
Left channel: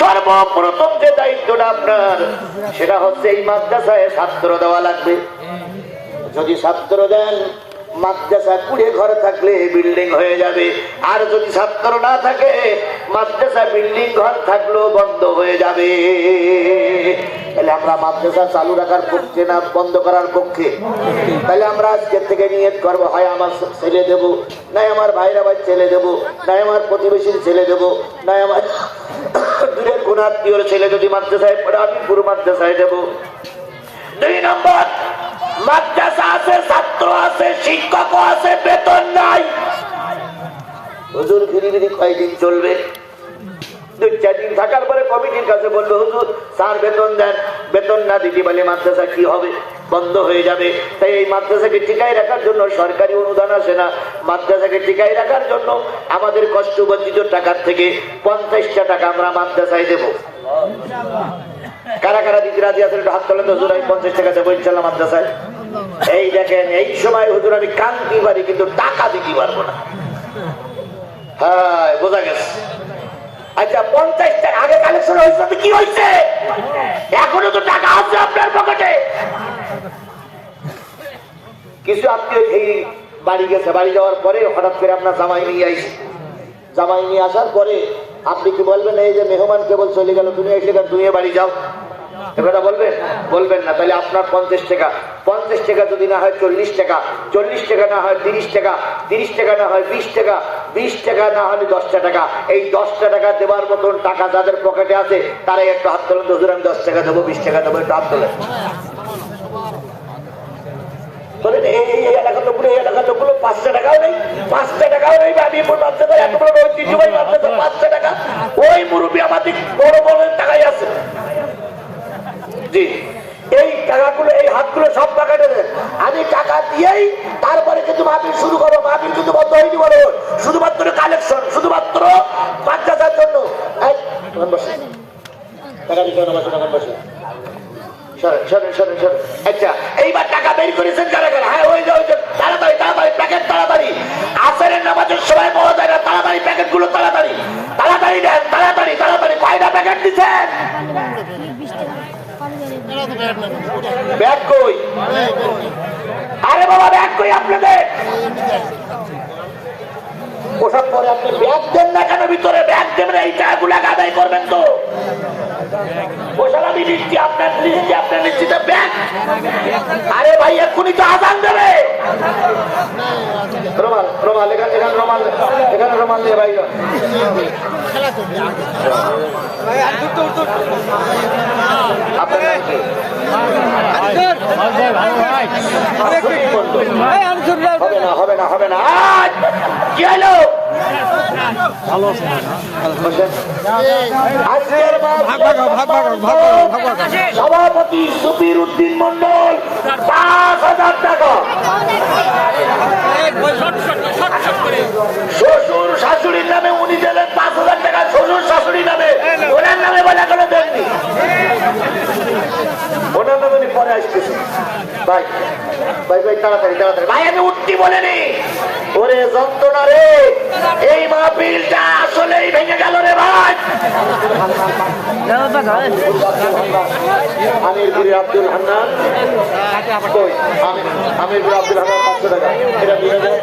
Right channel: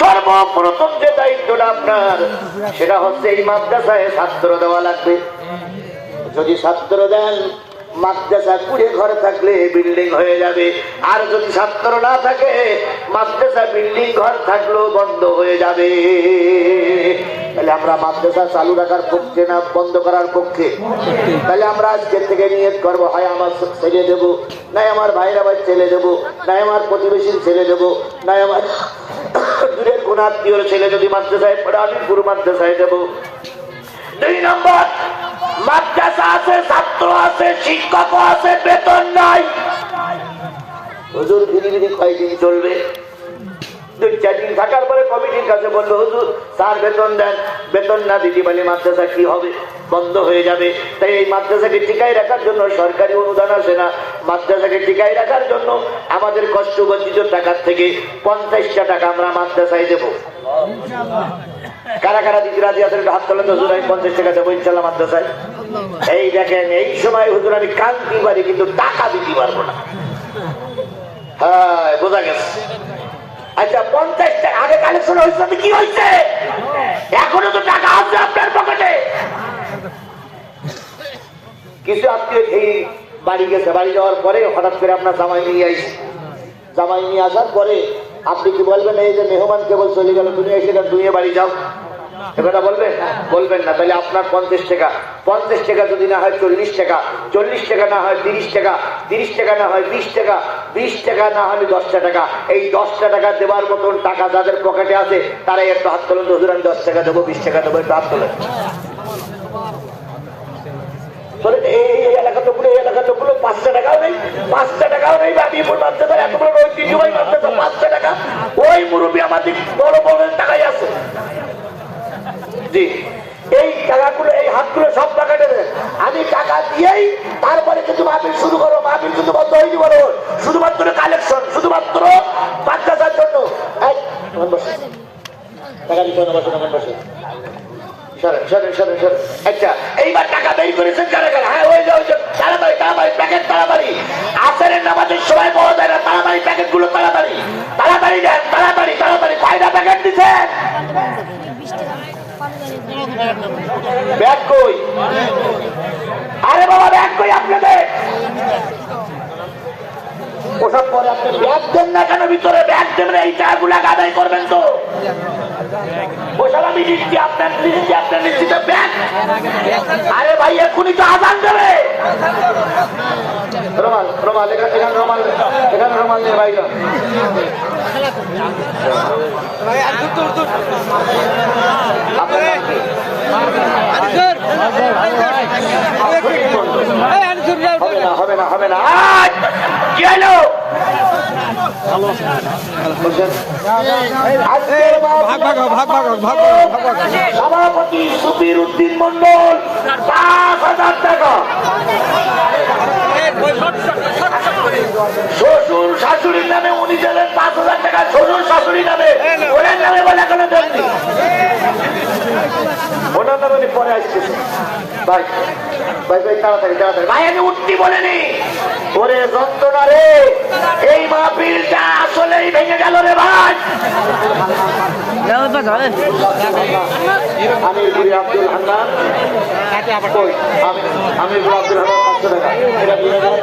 সর্বপ্রথম যে দায়িত্বটা আপনার সেটা হচ্ছে এই মাদ্রাসায় ছাত্র দেওয়া লাগবে। যদি ছাত্র দেন মাদ্রাসা কুড়ে ঘরে থাকলে বিল্ডিং হয়ে যাবে, আর যদি ছাত্র না থাকে মাদ্রাসা বিল্ডিং ঘর থাকলেও বন্ধ হয়ে যাবে। তাহলে আমরা মাদ্রাসা চালু রাখার পক্ষে না বন্ধ করার পক্ষে? তাহলে আমরা আজকের থেকে নিয়ত করবো, হয় আমার ছেলে দেবো, নাই আমার ভাইরা ভাই ছেলে দেবো, নাই আমার প্রতিবেশীর ছেলে দেবো, নাই আমার দূরের কোন আত্মীয় ছেলে যদি মাদ্রাসায় পড়ে আমি পুরো মাদ্রাসায় দেবো। 2 নম্বর, মাদ্রাসা আছে, ছাত্র আছে, শিক্ষক আছে, বেতন নাই। হুজুর ফিরিবিরি কয়দিন চলবে? 2-4 দিন থাকার পরে কমিটির কাছে বললো হুজুর স্যার বেতন দেন, বেতন না দিতে পারলে মাদ্রাসা কি হবে? বন্ধ হয়ে যাবে। তাই এই মাদ্রাসাকে টিকায় রাখার জন্য সরকারি অনুদান আসে না, মাদ্রাসাকে টিকায় রাখার জন্য আমাদের কষ্টবর্জিত টাকার থেকে 50টা টাকা আমরা মাদ্রাসায় দেবো। কারা কারা দিতে রাজি আছেন হাত তোলেন তো, হুজুর আমি 50 টাকা দেবো ইনশাল্লাহ মাদ্রাসায়। এই দেখেন এই সময় হুজুর আমি কাঁদতে পারি কিন্তু টাকা দিতে পারবো না। হ্যাঁ বোঝা গেছে। আচ্ছা 50 টাকা আগে কালেকশন হয়েছে, কি হয়েছে? এখনো তো টাকা আছে আপনার পকেটে। কিছু আত্মীয় খেয়ে বাড়ি গেছে, বাড়ি যাওয়ার পরে হঠাৎ করে আপনার জামাই নিয়ে আসে, জামাই নিয়ে আসার পরে আপনি কি বলবেন এই যে মেহমান কেবল চলে গেল তুমি এসে ধুয়ে বাড়ি যাও? কথা বলবেন? বলবেন না। তাহলে আপনার 50 টাকা, 50 টাকা যদি না হয় 40 টাকা, 40 টাকা না হয় 30 টাকা, 30 টাকা না হয় 20 টাকা, 20 টাকা না হলে 10টা টাকা। এই 10টা টাকা দেওয়ার মতন টাকা যাদের পকেটে আছে তারাই একটু হাত তোলেন। হুজুর আমি 10 টাকা দেবো, 20 টাকা দেবো, একটু হাত তোলেন। এই এলাকা তো পুরো, এই এলাকা তো পুরো 5টা টাকাও নেই, 5টা টাকাও নেই। বাবিপুর মাদ্রাসা এত বড় ঐতিহ্যবাহী মাদ্রাসা, 5টা টাকা। ওই মুরব্বী আমাদের বড় বড় টাকাই আছে। জি এই টাকাগুলো, এই হাতগুলো সব টাকাটা দেন। আমি টাকা দিয়েই তারপরে কিন্তু মাহফিল শুরু করো। মাহফিল কিন্তু বন্ধ হয়নি, বলো শুধুমাত্র কালেকশন, শুধুমাত্র মাদ্রাসার জন্য। টাকা দিতে বসে আচ্ছা এইবার টাকা বের করেছেন কারা কারা? হ্যাঁ ওই তাড়াতাড়ি তাড়াতাড়ি প্যাকেট, তাড়াতাড়ি আসরের নামাজের সময় পাওয়া যায় না, তাড়াতাড়ি প্যাকেট গুলো তাড়াতাড়ি তাড়াতাড়ি দেন, তাড়াতাড়ি তাড়াতাড়ি। কয়টা প্যাকেট দিচ্ছেন? ব্যাগ কই? আরে বাবা ব্যাগ কই আপনাদের? ওসব পরে আপনি ব্যাগ দেন না কেন ভিতরে? ব্যাগ দেবেন, এই টাকাগুলো আদায় করবেন তো। ওসব আমি দিচ্ছি, আপনার দিচ্ছি, আপনার নিশ্চিত ব্যাগ। আরে ভাই এক্ষুনি তো আজান দেবে। রুমাল, রুমাল এখানে, রুমাল এখানে, রুমাল দিয়ে ভাই ভাই আর তো তো হবে না, হবে না। কি হলো? সভাপতি সুবীর উদ্দিন মন্ডল 5,000 টাকা। শ্বশুর শাশুড়ির নামে উনি দেবেন 5,000 টাকা। শ্বশুর শাশুড়ির নামে, ওনার নামে বলে কোনো দেননি, ওনার নামে উনি পরে আসতেছে। ভাই ভাই ভাই তাড়াতাড়ি তাড়াতাড়ি ভাই, আমি উঠতি বলেনি। ওরে যন্ত্রণা রে, এই মাহফিলটা আসলেই ভেঙে গেল রে ভাই। আমির আব্দুল হান্নান, আমির আব্দুল হান্নান 500 টাকা। এটা 2000